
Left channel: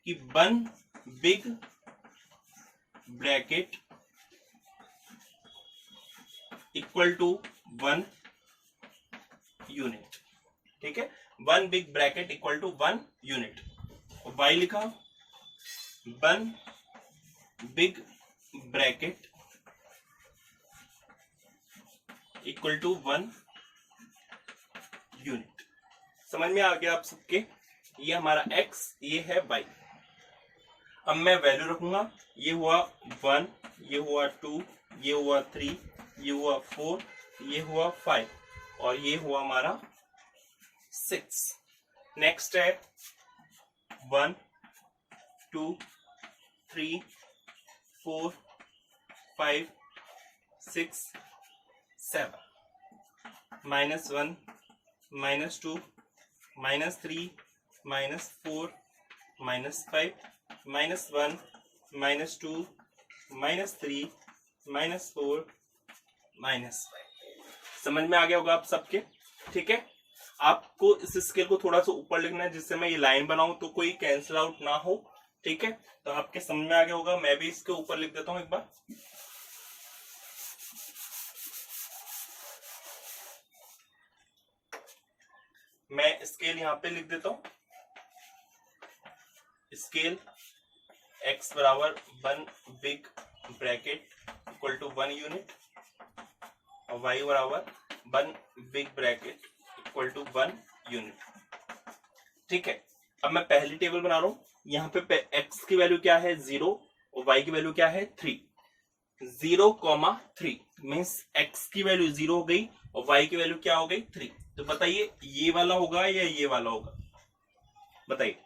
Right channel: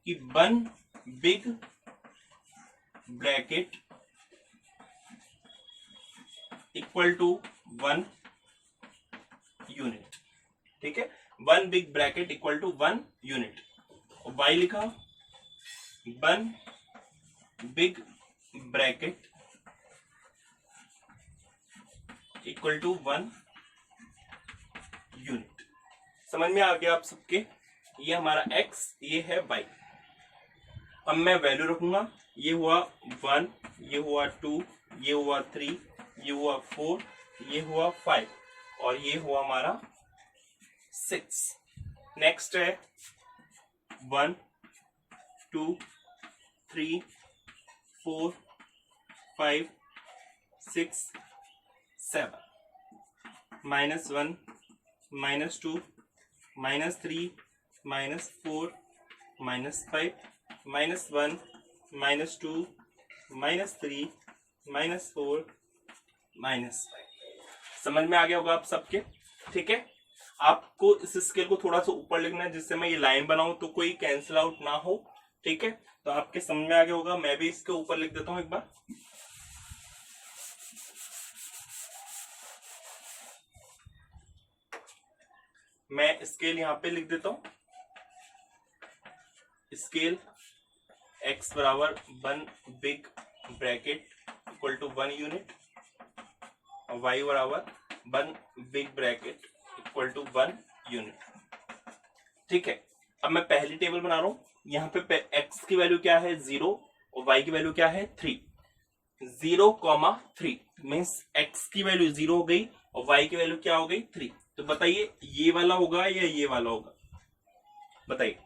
कि 1 big bracket equal to 1 unit. ठीक है, 1 big bracket equal to 1 unit. और y लिखा 1 big bracket equal to 1 unit. समझ में आ गया आप सबके, ये हमारा x, ये है y। अब मैं वैल्यू रखूंगा, ये हुआ 1, ये हुआ 2, ये हुआ 3, ये हुआ 4, ये हुआ 5 और ये हुआ हमारा 6। नेक्स्ट है 1 2 3 4 5 6 7, -1 -2 -3 -4 -5 -1 -2 -3 -4 -5। समझ में आ गया होगा आप सबके। ठीक है, आपको इस स्केल को थोड़ा सा ऊपर लिखना है, जिससे मैं ये लाइन बनाऊं तो कोई कैंसिल आउट ना हो। ठीक है, तो आपके समझ में आ गया होगा। मैं भी इसके ऊपर लिख देता हूं एक बार। मैं स्केल यहां पे लिख देता हूं, स्केल x बराबर 1 big bracket equal to 1 unit और y बराबर 1 big bracket equal to 1 unit. ठीक है, अब मैं पहली टेबल बना रहा हूं। यहाँ पे x की वैल्यू क्या है 0 और y की वैल्यू क्या है 3। 0,3 मीन्स x की वैल्यू 0 हो गई और y की वैल्यू क्या हो गई 3। तो बताइए ये वाला होगा या ये वाला होगा, बताइए।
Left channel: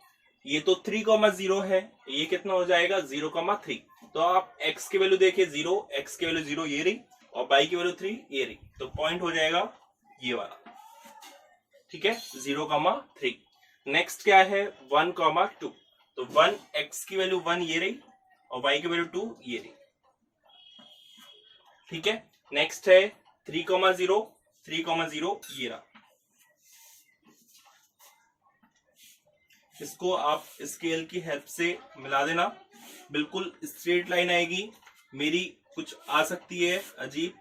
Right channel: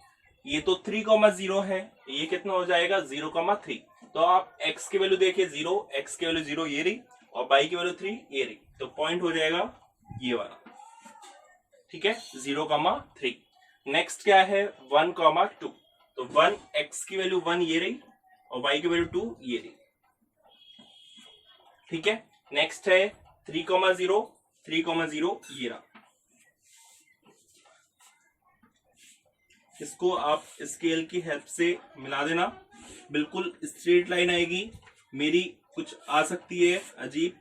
ये तो 3,0 है, ये कितना हो जाएगा 0,3। तो आप x की वैल्यू देखिए 0, x की वैल्यू 0 ये रही और y की वैल्यू 3 ये रही, तो पॉइंट हो जाएगा ये वाला। ठीक है, 0,3। नेक्स्ट क्या है 1,2। तो 1 x की वैल्यू 1 ये रही और y की वैल्यू 2 ये रही। ठीक है, नेक्स्ट है 3,0, 3,0 ये रहा। इसको आप स्केल की हेल्प से मिला देना। बिल्कुल स्ट्रेट लाइन आएगी, मेरी कुछ आ सकती है अजीब,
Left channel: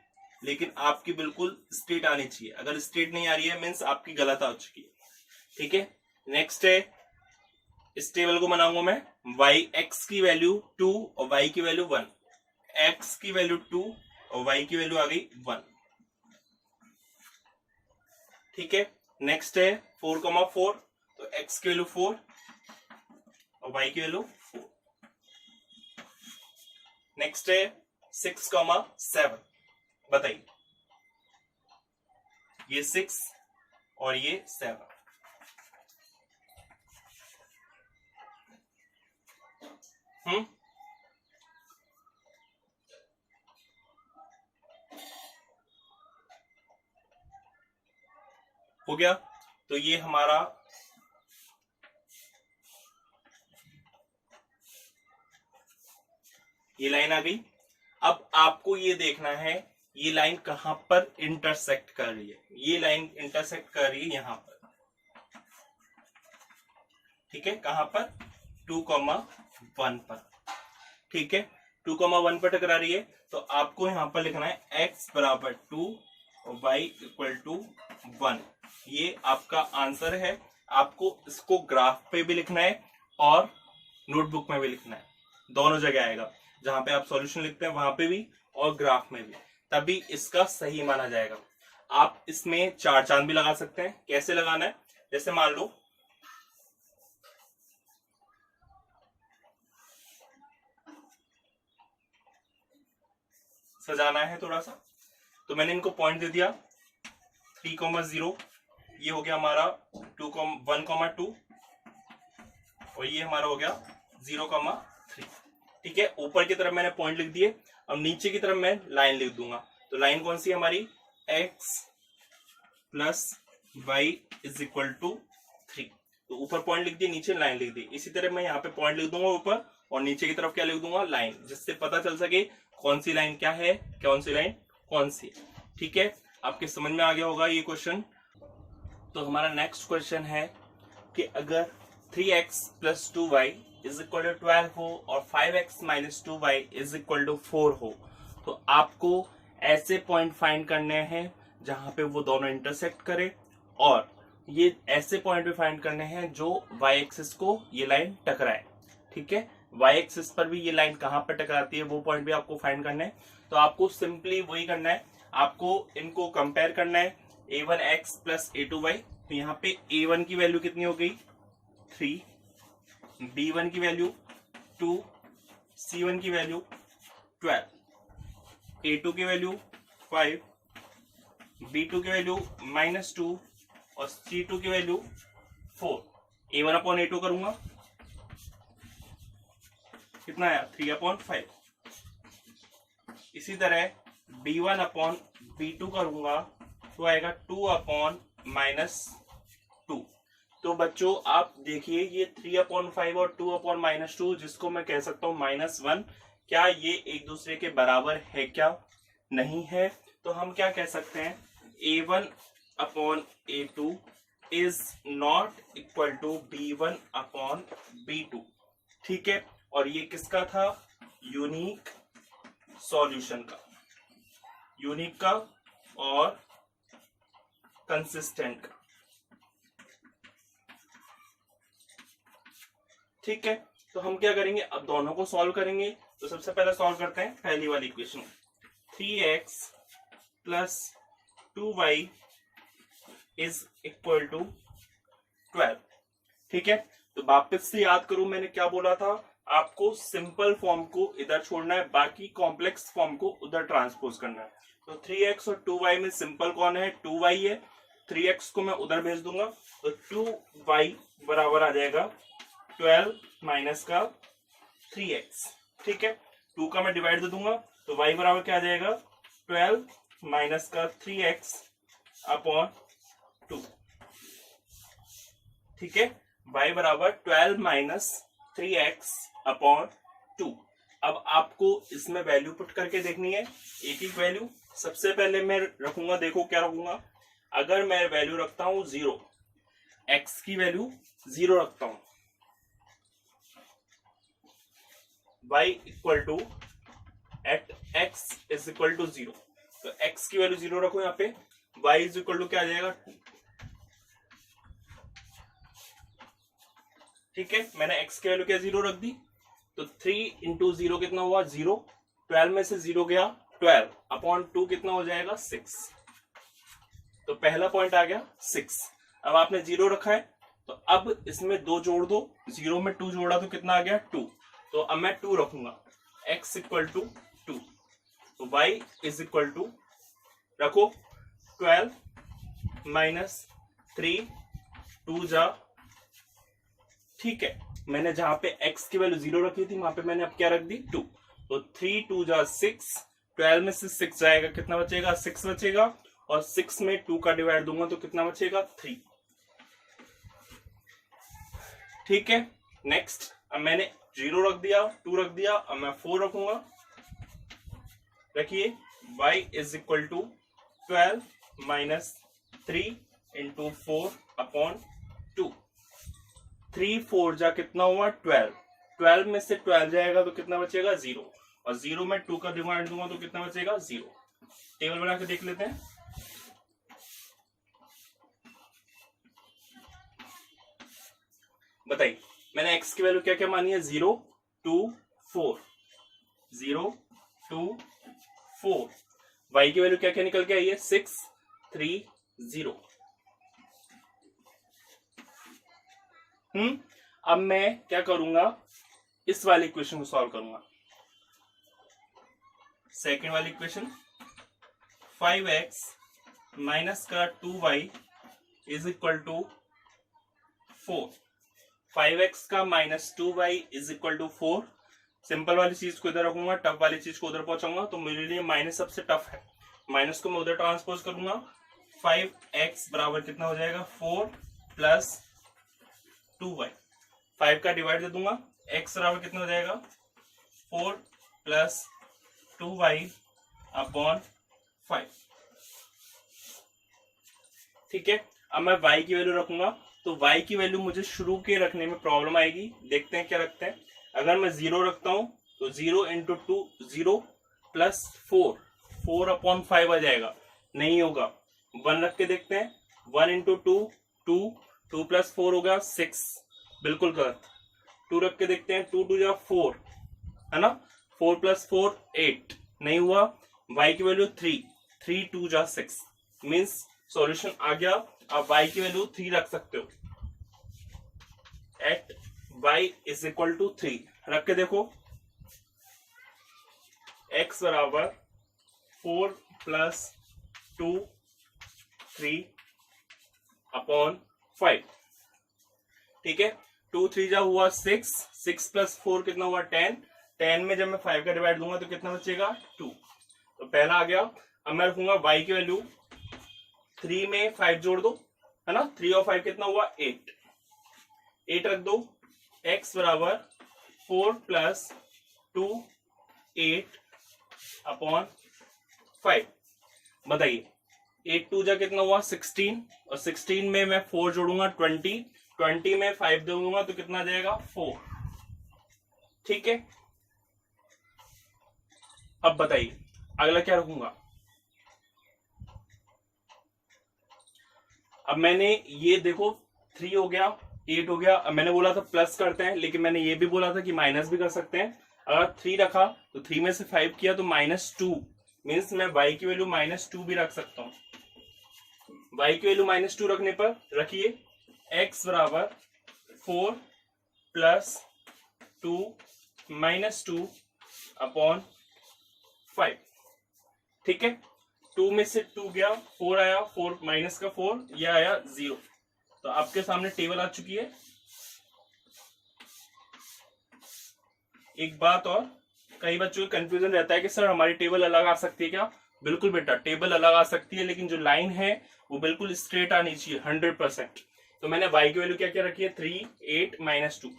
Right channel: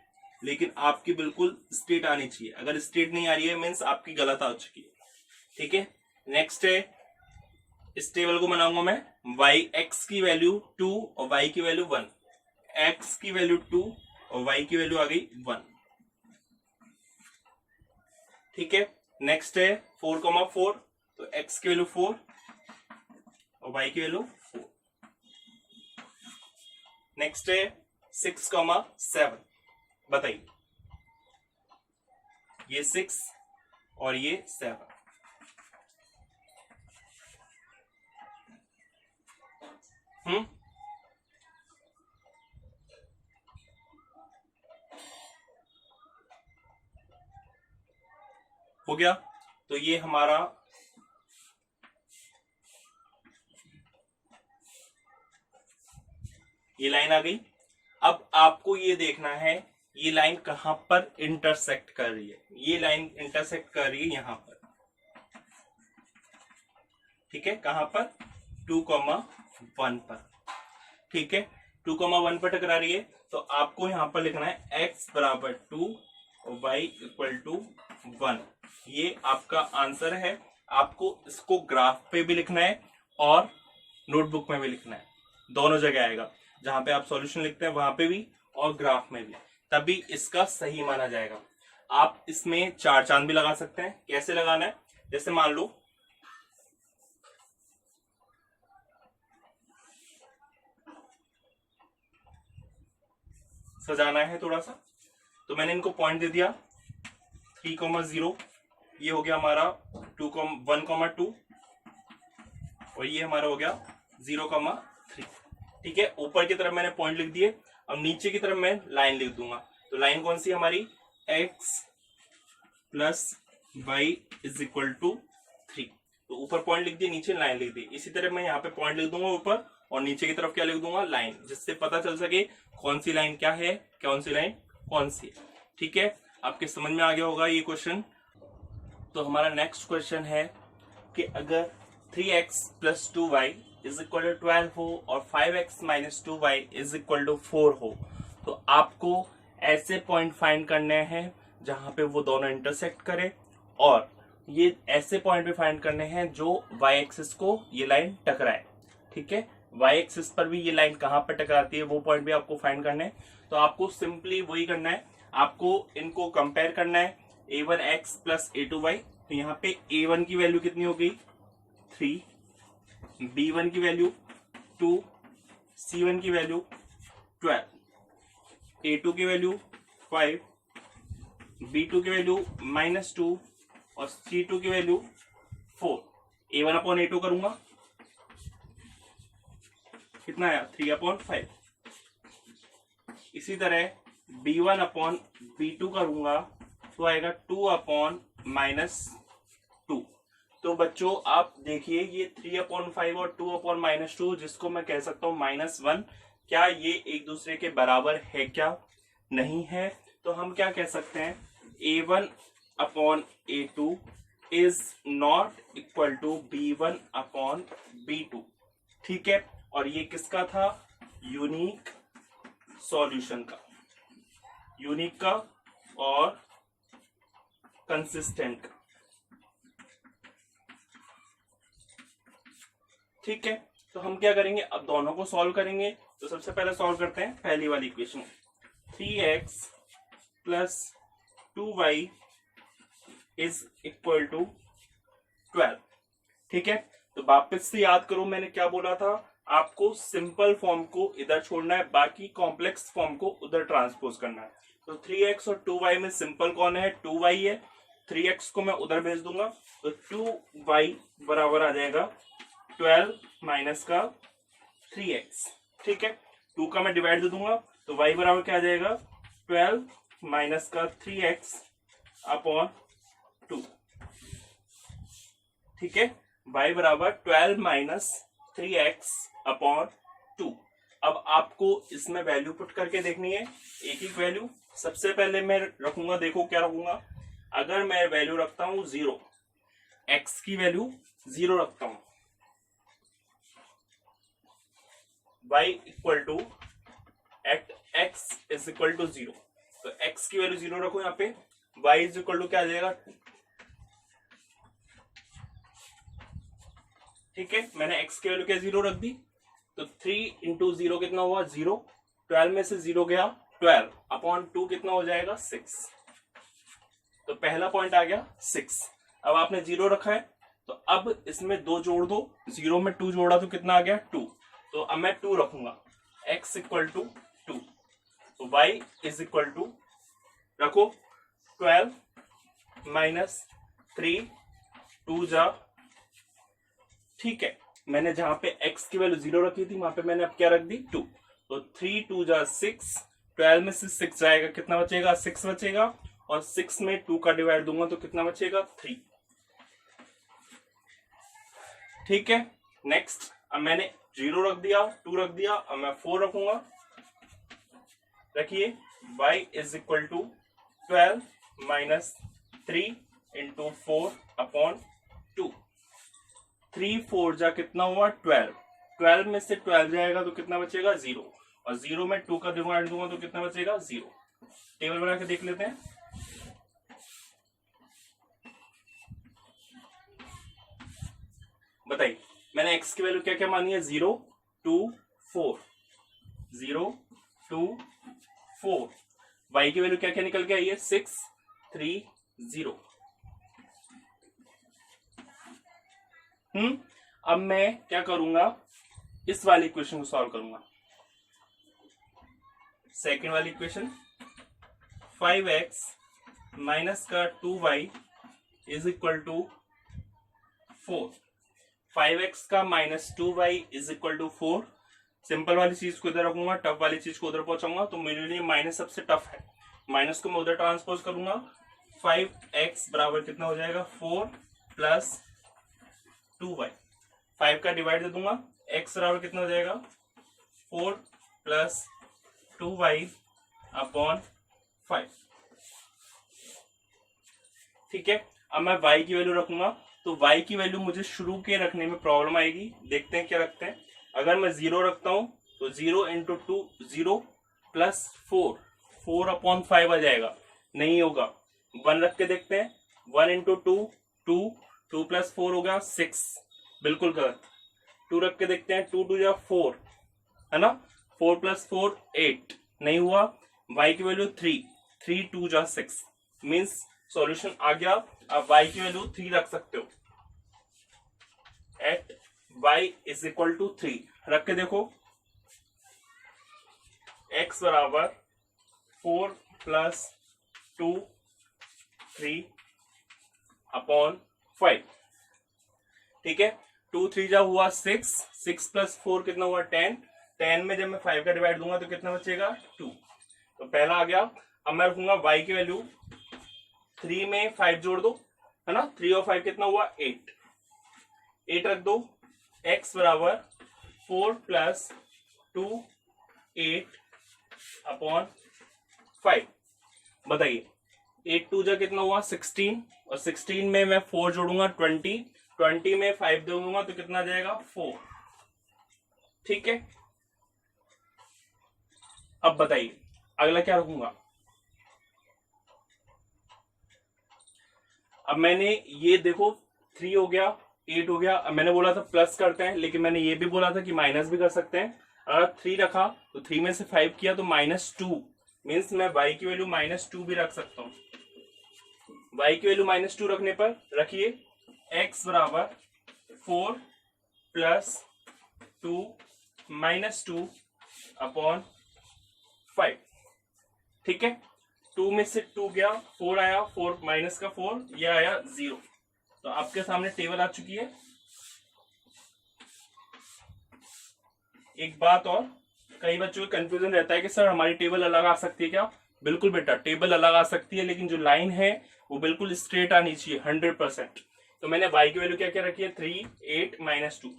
लेकिन आपकी बिल्कुल स्ट्रेट आनी चाहिए। अगर स्ट्रेट नहीं आ रही है मीन्स आपकी गलत आ चुकी है। ठीक है, नेक्स्ट है, इस टेबल को बनाऊंगा मैं, वाई एक्स की वैल्यू 2 और वाई की वैल्यू 1, एक्स की वैल्यू 2 और वाई की वैल्यू आ गई 1। ठीक है, नेक्स्ट है 4,4, तो एक्स की वैल्यू 4 और वाई की वैल्यू 4। नेक्स्ट है 6,7, बताइए, ये 6 और ये 7। हो गया, तो ये हमारा ये लाइन आ गई। अब आपको ये देखना है ये लाइन कहां पर इंटरसेक्ट कर रही है। ये लाइन इंटरसेक्ट कर रही है यहां पर। ठीक है, कहां पर, 2,1 पर। ठीक है, 2,1 पर टकरा रही है, तो आपको यहां पर लिखना है x बराबर 2 और y इक्वल टू 1। ये आपका आंसर है। आपको इसको ग्राफ पे भी लिखना है और नोटबुक में भी लिखना है, दोनों जगह आएगा। जहां पे आप सॉल्यूशन लिखते हैं वहां पे भी और ग्राफ में भी, तभी इसका सही माना जाएगा। आप इसमें 4 चांद भी लगा सकते हैं। कैसे लगाना है, जैसे मान लो सजाना है थोड़ा सा, तो मैंने इनको पॉइंट दे दिया 3,0, ये हो गया हमारा 1,2 और ये हमारा हो गया 0,3। ठीक है, ऊपर की तरफ मैंने पॉइंट लिख दिए। अब नीचे की तरफ मैं लाइन लिख दूंगा। तो लाइन कौन सी है हमारी, x plus Y is equal to 3। तो ऊपर पॉइंट लिख दिए, नीचे लाइन लिख दी। इसी तरह मैं यहाँ पे पॉइंट लिख दूंगा ऊपर और नीचे की तरफ क्या लिख दूंगा, लाइन, जिससे पता चल सके कौन सी लाइन क्या है, कौन सी लाइन कौन सी है। ठीक है, आपके समझ में आ गया होगा ये क्वेश्चन। तो हमारा नेक्स्ट क्वेश्चन है कि अगर 3x plus 2y is equal to 12 हो और 5x minus 2y is equal to 4 हो, तो आपको ऐसे पॉइंट फाइंड करने हैं जहां पे वो दोनों इंटरसेक्ट करें, और ये ऐसे पॉइंट भी फाइंड करने हैं जो y एक्सिस को ये लाइन टकराए। ठीक है, y एक्सिस पर भी ये लाइन कहां पर टकराती है वो पॉइंट भी आपको फाइंड करना है। तो आपको सिंपली वही करना है, आपको इनको कंपेयर करना है, a1x प्लस a2y। तो यहाँ पे a1 की वैल्यू कितनी हो गई, 3, b1 की वैल्यू 2, c1 की वैल्यू 12, a2 की वैल्यू 5, b2 की वैल्यू -2 और c2 की वैल्यू 4। a1/a2 करूंगा, कितना आया, 3/5। इसी तरह b1/b2 करूंगा तो आएगा 2/-2। तो बच्चों आप देखिए, ये 3/5 और 2/-2, जिसको मैं कह सकता हूं -1, क्या ये एक दूसरे के बराबर है, क्या नहीं है। तो हम क्या कह सकते हैं, a1/a2 is not equal to b1/b2। ठीक है, और ये किसका था, यूनिक सॉल्यूशन का, यूनिक का और कंसिस्टेंट का। ठीक है, तो हम क्या करेंगे, अब दोनों को सॉल्व करेंगे। तो सबसे पहले सॉल्व करते हैं पहली वाली equation, 3x plus 2y is equal to 12। ठीक है, तो वापस से याद करो मैंने क्या बोला था, आपको सिंपल फॉर्म को इधर छोड़ना है, बाकी कॉम्प्लेक्स फॉर्म को उधर ट्रांसपोज करना है। तो 3x और 2y में सिंपल कौन है, 2y है। 3x को मैं उधर भेज दूंगा, तो 2y बराबर आ जाएगा 12 माइनस का 3x। ठीक है, 2 का मैं डिवाइड दे दूंगा, तो y बराबर क्या आ जाएगा, 12 माइनस का 3x अपॉन 2। ठीक है, y बराबर 12 माइनस 3x अपॉन 2। अब आपको इसमें वैल्यू पुट करके देखनी है, एक एक वैल्यू। सबसे पहले मैं रखूंगा, देखो क्या रखूंगा, अगर मैं वैल्यू रखता हूं 0, x की वैल्यू 0 रखता हूं, y equal to at x is equal to 0। तो x की वैल्यू 0 रखो यहाँ पे, y इज इक्वल टू क्या आ जाएगा 2। ठीक है, मैंने x की वैल्यू क्या 0 रख दी, तो 3 इंटू 0 कितना हुआ 0, 12 में से 0 गया 12 अपॉन 2 कितना हो जाएगा 6। तो पहला पॉइंट आ गया 6। अब आपने 0 रखा है तो अब इसमें 2 जोड़ दो, 0 में 2 जोड़ा तो कितना आ गया 2। तो अब मैं 2 रखूंगा, x इक्वल टू 2, तो y इज इक्वल टू रखो 12 माइनस 3 2 जा। ठीक है, मैंने जहां पे x की वैल्यू 0 रखी थी वहां पे मैंने अब क्या रख दी 2। तो 3 2 जा 6, 12 में से 6 जाएगा कितना बचेगा 6 बचेगा, और 6 में 2 का डिवाइड दूंगा तो कितना बचेगा 3। ठीक है, नेक्स्ट अब मैंने 0 रख दिया 2 रख दिया, अब मैं 4 रखूंगा। रखिए y is equal to 12 minus 3 into 4 upon 2। 3 4 जा कितना हुआ 12, 12 में से 12 जाएगा तो कितना बचेगा 0, और 0 में 2 का डिवाइड दूंगा तो कितना बचेगा 0। टेबल बना के देख लेते हैं। बताइए, मैंने x की वैल्यू क्या क्या मानी है 0 2 4, 0 2 4, y की वैल्यू क्या क्या निकल के आई है 6 3 0। अब मैं क्या करूंगा, इस वाली इक्वेशन को सॉल्व करूंगा। सेकंड वाली इक्वेशन 5x माइनस का 2y is equal to 4। 5x का minus 2y is equal to 4। Simple वाली चीज को इधर रखूंगा, टफ वाली चीज को उधर पहुंचाऊंगा, तो मेरे लिए माइनस सबसे टफ है। माइनस को मैं उधर ट्रांसपोज करूंगा, 5x बराबर कितना हो जाएगा 4 प्लस 2y। 5 का डिवाइड दे दूंगा, x बराबर कितना हो जाएगा 4 प्लस 2y अपॉन 5। ठीक है, अब मैं y की वैल्यू रखूंगा, तो y की वैल्यू मुझे शुरू के रखने में प्रॉब्लम आएगी। देखते हैं क्या रखते हैं। अगर मैं 0 रखता हूं तो 0 इंटू 2 0 प्लस 4 अपॉन 5 आ जाएगा, नहीं होगा। 1 रख के देखते हैं, 1 इंटू 2 2, 2 प्लस 4 हो गया 6, बिल्कुल गलत। 2 रख के देखते हैं, 2 2 जा 4 है ना, 4 प्लस 4 8, नहीं हुआ। y की वैल्यू 3, 3 2 जा 6, मीन्स सॉल्यूशन आ गया। अब y की वैल्यू 3 रख सकते हो, at y is equal to 3 रख के देखो, x बराबर 4 प्लस 2 3 अपॉन 5। ठीक है, 2 3 जा हुआ 6, 6 प्लस 4 कितना हुआ 10, 10 में जब मैं 5 का डिवाइड दूंगा तो कितना बचेगा 2। तो पहला आ गया। अब मैं रखूंगा y की वैल्यू, 3 में 5 जोड़ दो है ना, 3 और 5 कितना हुआ 8, 8 रख दो। x बराबर 4 प्लस 2 8 अपॉन 5। बताइए 8 2 जा कितना हुआ 16, और 16 में मैं 4 जोड़ूंगा 20, 20 में 5 दूंगा तो कितना जाएगा 4। ठीक है, अब बताइए अगला क्या रखूंगा। अब मैंने ये देखो 3 हो गया 8 हो गया। अब मैंने बोला था प्लस करते हैं, लेकिन मैंने ये भी बोला था कि माइनस भी कर सकते हैं। अगर 3 रखा तो 3 में से 5 किया तो -2, मीन्स मैं y की वैल्यू -2 भी रख सकता हूँ। y की वैल्यू -2 रखने पर रखिए x बराबर 4 प्लस 2 -2 अपॉन 5। ठीक है, 2 में से 2 गया 4 आया, 4 माइनस का 4, यह आया 0। तो आपके सामने टेबल आ चुकी है। एक बात और, कई बच्चों को कंफ्यूजन रहता है कि सर हमारी टेबल अलग आ सकती है क्या। बिल्कुल बेटा, टेबल अलग आ सकती है, लेकिन जो लाइन है वो बिल्कुल स्ट्रेट आनी चाहिए 100%। तो मैंने y की वैल्यू क्या क्या रखी है 3 8 -2।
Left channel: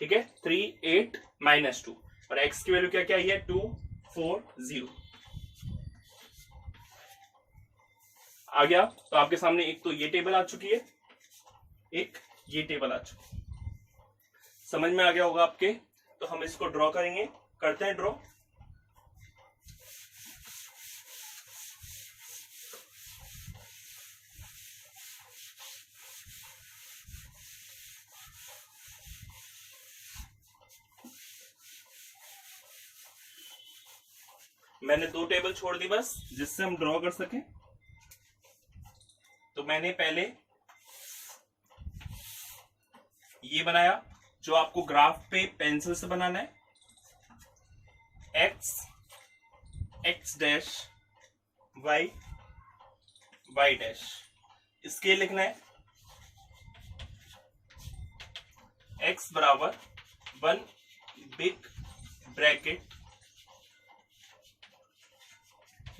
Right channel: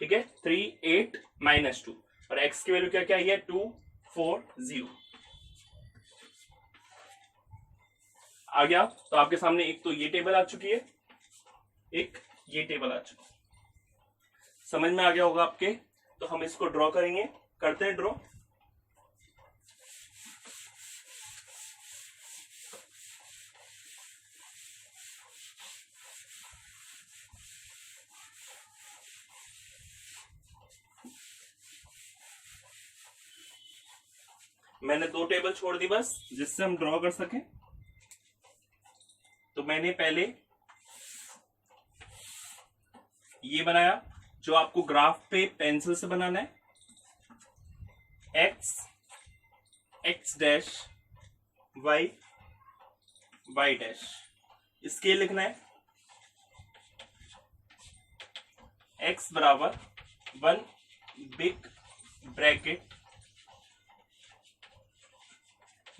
ठीक है, 3 8 -2, और x की वैल्यू क्या क्या आई है 2 4 0 आ गया। तो आपके सामने एक तो ये टेबल आ चुकी है, एक ये टेबल आ चुकी है। समझ में आ गया होगा आपके। तो हम इसको ड्रॉ करेंगे, करते हैं ड्रॉ। मैंने 2 टेबल छोड़ दी बस, जिससे हम ड्रॉ कर सकें। तो मैंने पहले ये बनाया जो आपको ग्राफ पे पेंसिल से बनाना है, एक्स डैश वाई डैश। इसके लिखना है x बराबर 1 big bracket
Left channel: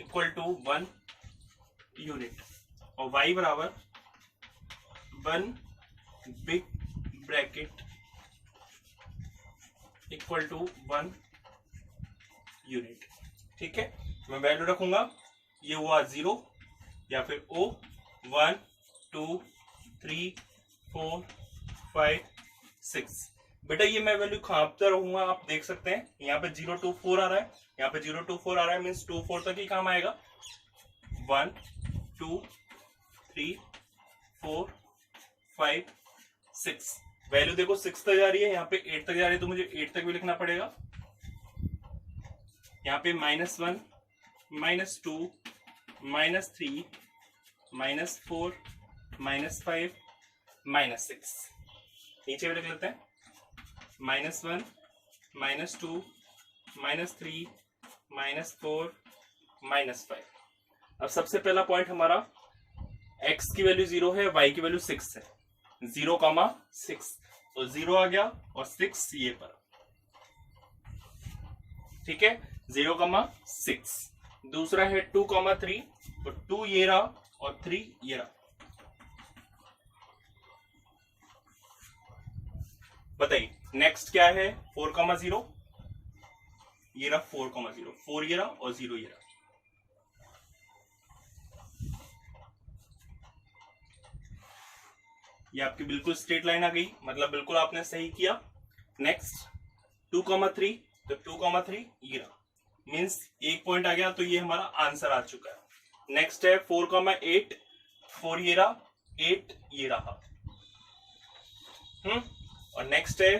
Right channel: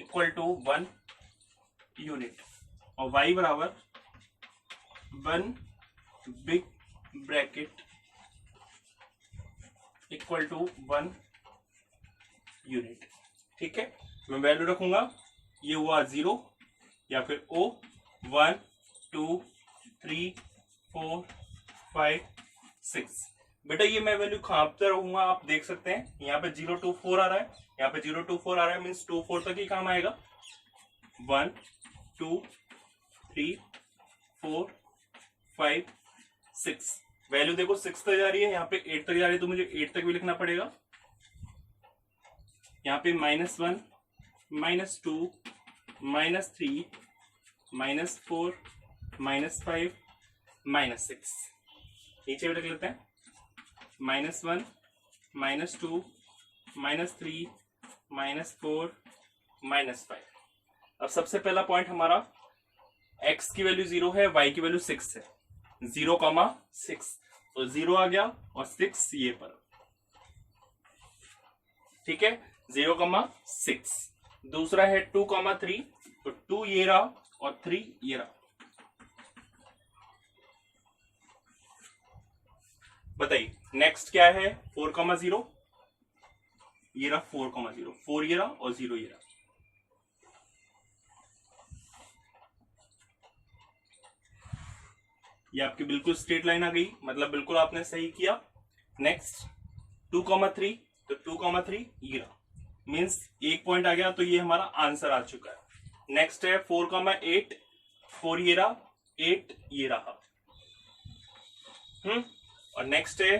equal to 1 unit, और y बराबर 1 big bracket equal to 1 unit. ठीक है, मैं वैल्यू रखूंगा, ये हुआ 0 या फिर O 1 2 3 4 5 6। बेटा ये मैं वैल्यू कहाँ पे रहूंगा, आप देख सकते हैं यहाँ पे 0 2 4 आ रहा है, यहाँ पे 0 2 4 आ रहा है, मीन्स 2 4 तक ही काम आएगा। 1 2 3 4 5 6, वैल्यू देखो 6 तक जा रही है, यहाँ पे 8 तक जा रही है, तो मुझे 8 तक भी लिखना पड़ेगा। यहाँ पे -1 -2 -3 -4 -5 -6, नीचे भी लिख लेते हैं -1 -2 -3 -4 -5। अब सबसे पहला पॉइंट हमारा x की वैल्यू 0 है, y की वैल्यू 6 है, 0,6, तो 0 आ गया और 6 ये पर। ठीक है, 0,6। दूसरा है 2,3, तो 2 ये रहा और 3 ये रहा। बताइए नेक्स्ट क्या है, 4,0, ये रहा 4,0, 4 ये रहा और 0 ये रहा। ये आपकी बिल्कुल स्ट्रेट लाइन आ गई, मतलब बिल्कुल आपने सही किया। नेक्स्ट 2,3, तो 2,3 ये रहा, मीन्स एक पॉइंट आ गया, तो ये हमारा आंसर आ चुका है। नेक्स्ट है 4,8, 4 ये रहा 8 ये रहा। और नेक्स्ट है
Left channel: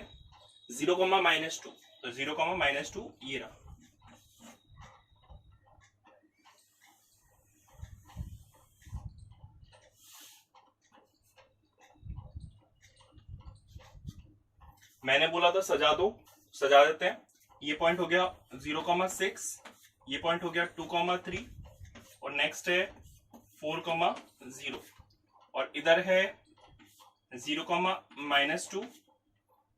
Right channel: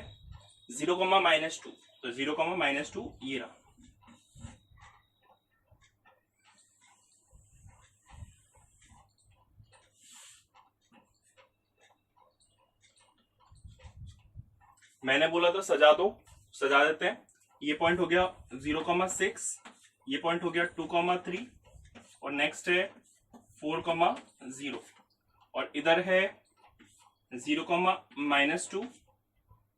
0,-2, तो 0,-2 ये रहा। मैंने बोला था सजा दो, सजा देते हैं। ये पॉइंट हो गया 0,6, ये पॉइंट हो गया 2,3, और नेक्स्ट है 4,0, और इधर है 0,-2,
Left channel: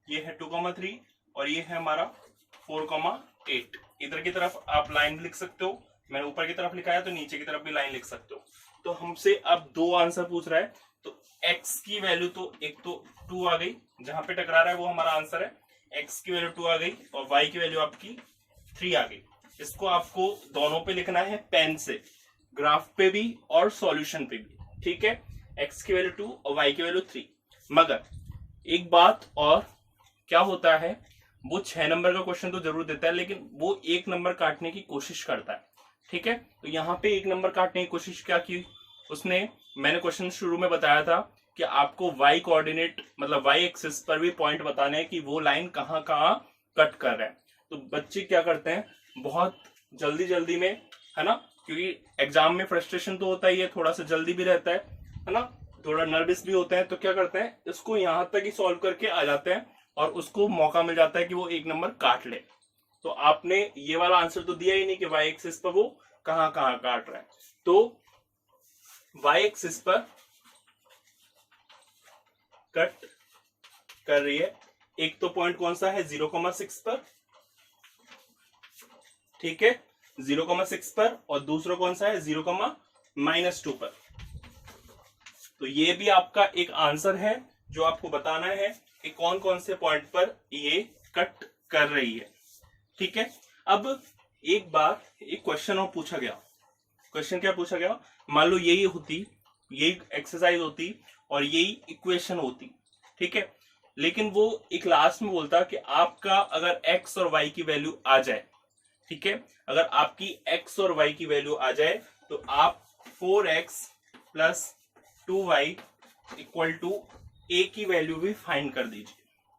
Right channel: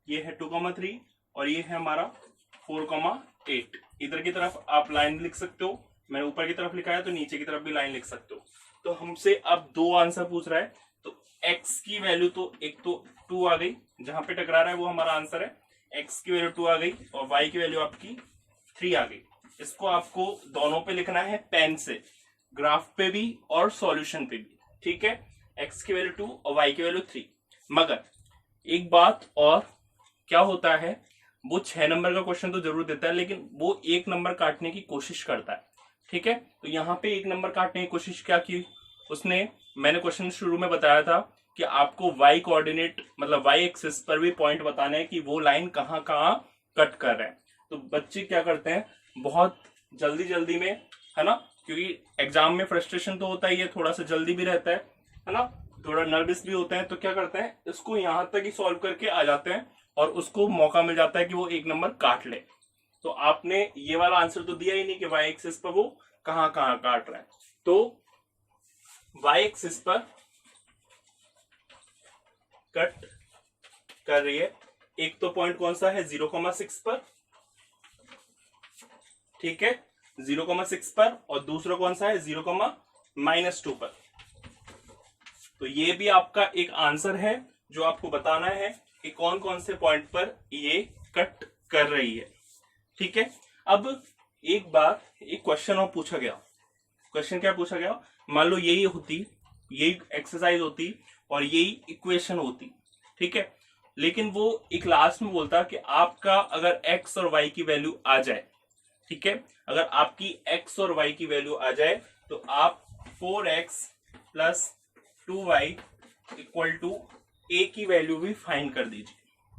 ये है 2,3, और ये है हमारा 4,8। इधर की तरफ आप लाइन लिख सकते हो, मैंने ऊपर की तरफ लिखा है तो नीचे की तरफ भी लाइन लिख सकते हो। तो हमसे अब 2 आंसर पूछ रहा है, तो x की वैल्यू तो एक तो 2 आ गई, जहां पे टकरा रहा है वो हमारा आंसर है। x की वैल्यू 2 आ गई और y की वैल्यू आपकी 3 आ गई। इसको आपको दोनों पे लिखना है पेन से, ग्राफ पे भी और सॉल्यूशन पे भी। ठीक है, x की वैल्यू 2 और y की वैल्यू 3। मगर एक बात और, क्या होता है, वो 6 नंबर का क्वेश्चन तो जरूर देता है, लेकिन वो 1 नंबर काटने की कोशिश करता है। ठीक है, तो यहाँ पे 1 नंबर काटने की कोशिश क्या की उसने, मैंने क्वेश्चन शुरू में बताया था कि आपको y कोऑर्डिनेट मतलब y एक्सिस पर भी पॉइंट बताना है कि वो लाइन कहाँ कहाँ कट कर रहा है। तो बच्चे क्या करते हैं, बहुत जल्दी जल्दी में, है ना, क्योंकि एग्जाम में फ्रस्ट्रेशन तो होता ही है, थोड़ा सा जल्दी भी रहता है ना, थोड़ा नर्वस भी होते हैं, तो क्या करते हैं, इसको यहाँ तक ही सॉल्व करके आ जाते हैं और उसको मौका मिल जाता है कि वो 1 नंबर काट ले। तो आपने ये वाला आंसर तो दिया ही नहीं कि y एक्सिस पर वो कहाँ कहाँ काट रहा है। तो y एक्सिस पर कट कर रही है, एक तो पॉइंट कौन सा है 0,6 पर, ठीक है 0,6 पर, और दूसरा कौन सा है 0,-2 पर। तो ये भी आपका एक आंसर है जो आपको बताना है कि कौन कौन से पॉइंट पर ये कट कर रही है। ठीक है, अब एक बार एक क्वेश्चन और पूछा गया। क्वेश्चन क्या पूछा गया, मान लो यही होती, यही एक्सरसाइज होती और यही इक्वेशन होती। ठीक है, लेकिन वो एक लास्ट में बोलता कि आपका अगर x और y की वैल्यू आ जाए, ठीक है, अगर आपकी x और y की वैल्यू आ जाए तो आप 4x plus 2y equal to a की वैल्यू भी फाइंड कर दीजिए,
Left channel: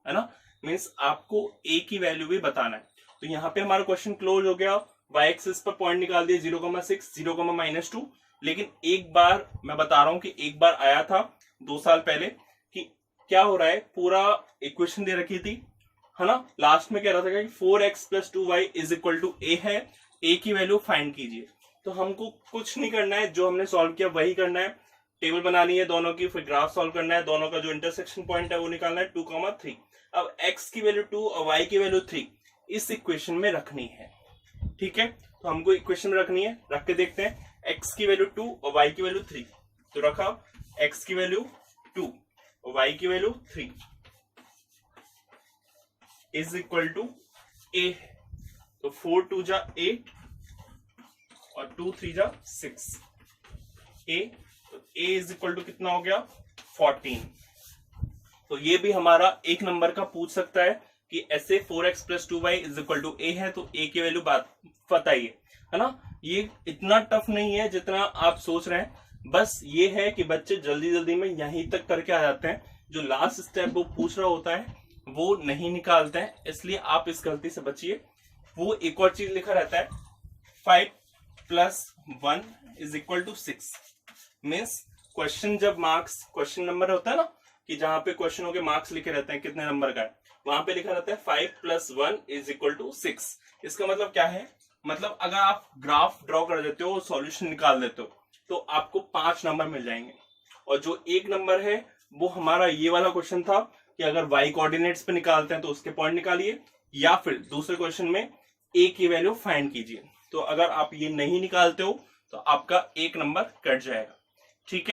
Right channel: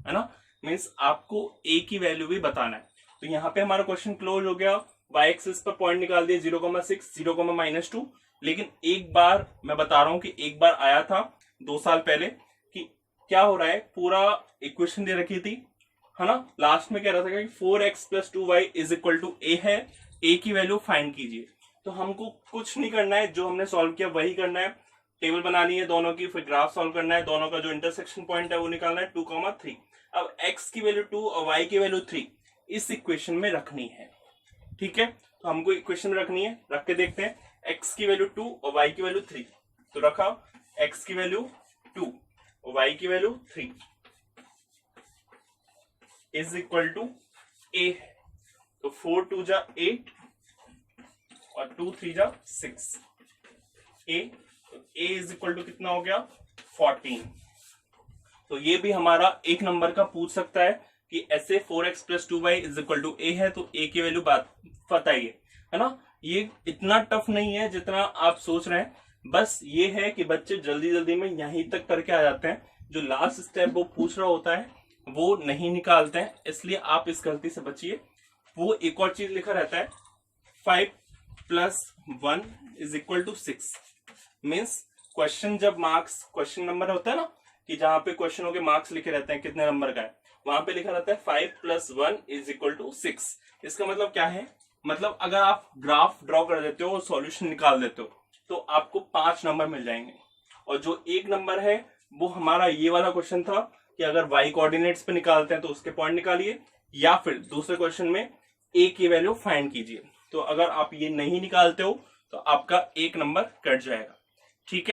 है ना। मीन्स आपको a की वैल्यू भी बताना है। तो यहाँ पे हमारा क्वेश्चन क्लोज हो गया। y एक्सिस पर पॉइंट निकाल दिया 0,6 0,-2। लेकिन एक बार मैं बता रहा हूं कि एक बार आया था 2 साल पहले कि क्या हो रहा है, पूरा इक्वेशन दे रखी थी, है ना। लास्ट में कह रहा था कि 4x plus 2y is equal to a है, a की वैल्यू फाइंड कीजिए। तो हमको कुछ नहीं करना है, जो हमने सॉल्व किया वही करना है। टेबल बनानी है दोनों की, फिर ग्राफ सॉल्व करना है, दोनों का जो इंटरसेक्शन पॉइंट है वो निकालना है 2,3। अब x की वैल्यू 2 और y की वैल्यू 3 इस इक्वेशन में रखनी है, ठीक है। तो हमको इक्वेशन में रखनी है, रख के देखते हैं। x की वैल्यू 2 और y की वैल्यू 3, तो रखा x की वैल्यू 2 और y की value 3 is equal to a है। तो 4 2 जा 8 और 2 3 जा 6 a, तो a इज इक्वल टू कितना हो गया 14। तो ये भी हमारा एक नंबर का पूछ सकता है कि ऐसे 4x plus 2y is equal to a है, तो a की वैल्यू बताइए, है ना। ये इतना टफ नहीं है जितना आप सोच रहे हैं। बस ये है कि बच्चे जल्दी जल्दी में यहीं तक करके आ जाते हैं, जो लास्ट स्टेप वो पूछ रहा होता है वो नहीं निकालते हैं, इसलिए आप इस गलती से बचिए। वो एक और चीज लिखा रहता है 5 plus 1 is equal to 6। Means question जब मार्क्स क्वेश्चन नंबर होता है ना, कि जहां पे क्वेश्चनों के मार्क्स लिखे रहते हैं कितने नंबर का है, वहां पे लिखा रहता है 5 प्लस 1 इज इक्वल टू 6। इसका मतलब क्या है, मतलब अगर आप ग्राफ ड्रॉ कर देते हो और सॉल्यूशन निकाल देते हो तो आपको 5 नंबर मिल जाएंगे। और जो एक नंबर है वो हमारा ये वाला क्वेश्चन था कि अगर y कोऑर्डिनेट्स पे निकालते हैं तो उसके पॉइंट निकालिए, या फिर दूसरे क्वेश्चन में a की वैल्यू फाइंड कीजिए। तो अगर आप ये नहीं निकालते हो तो आपका एक नंबर कट जाएगा, ठीक है।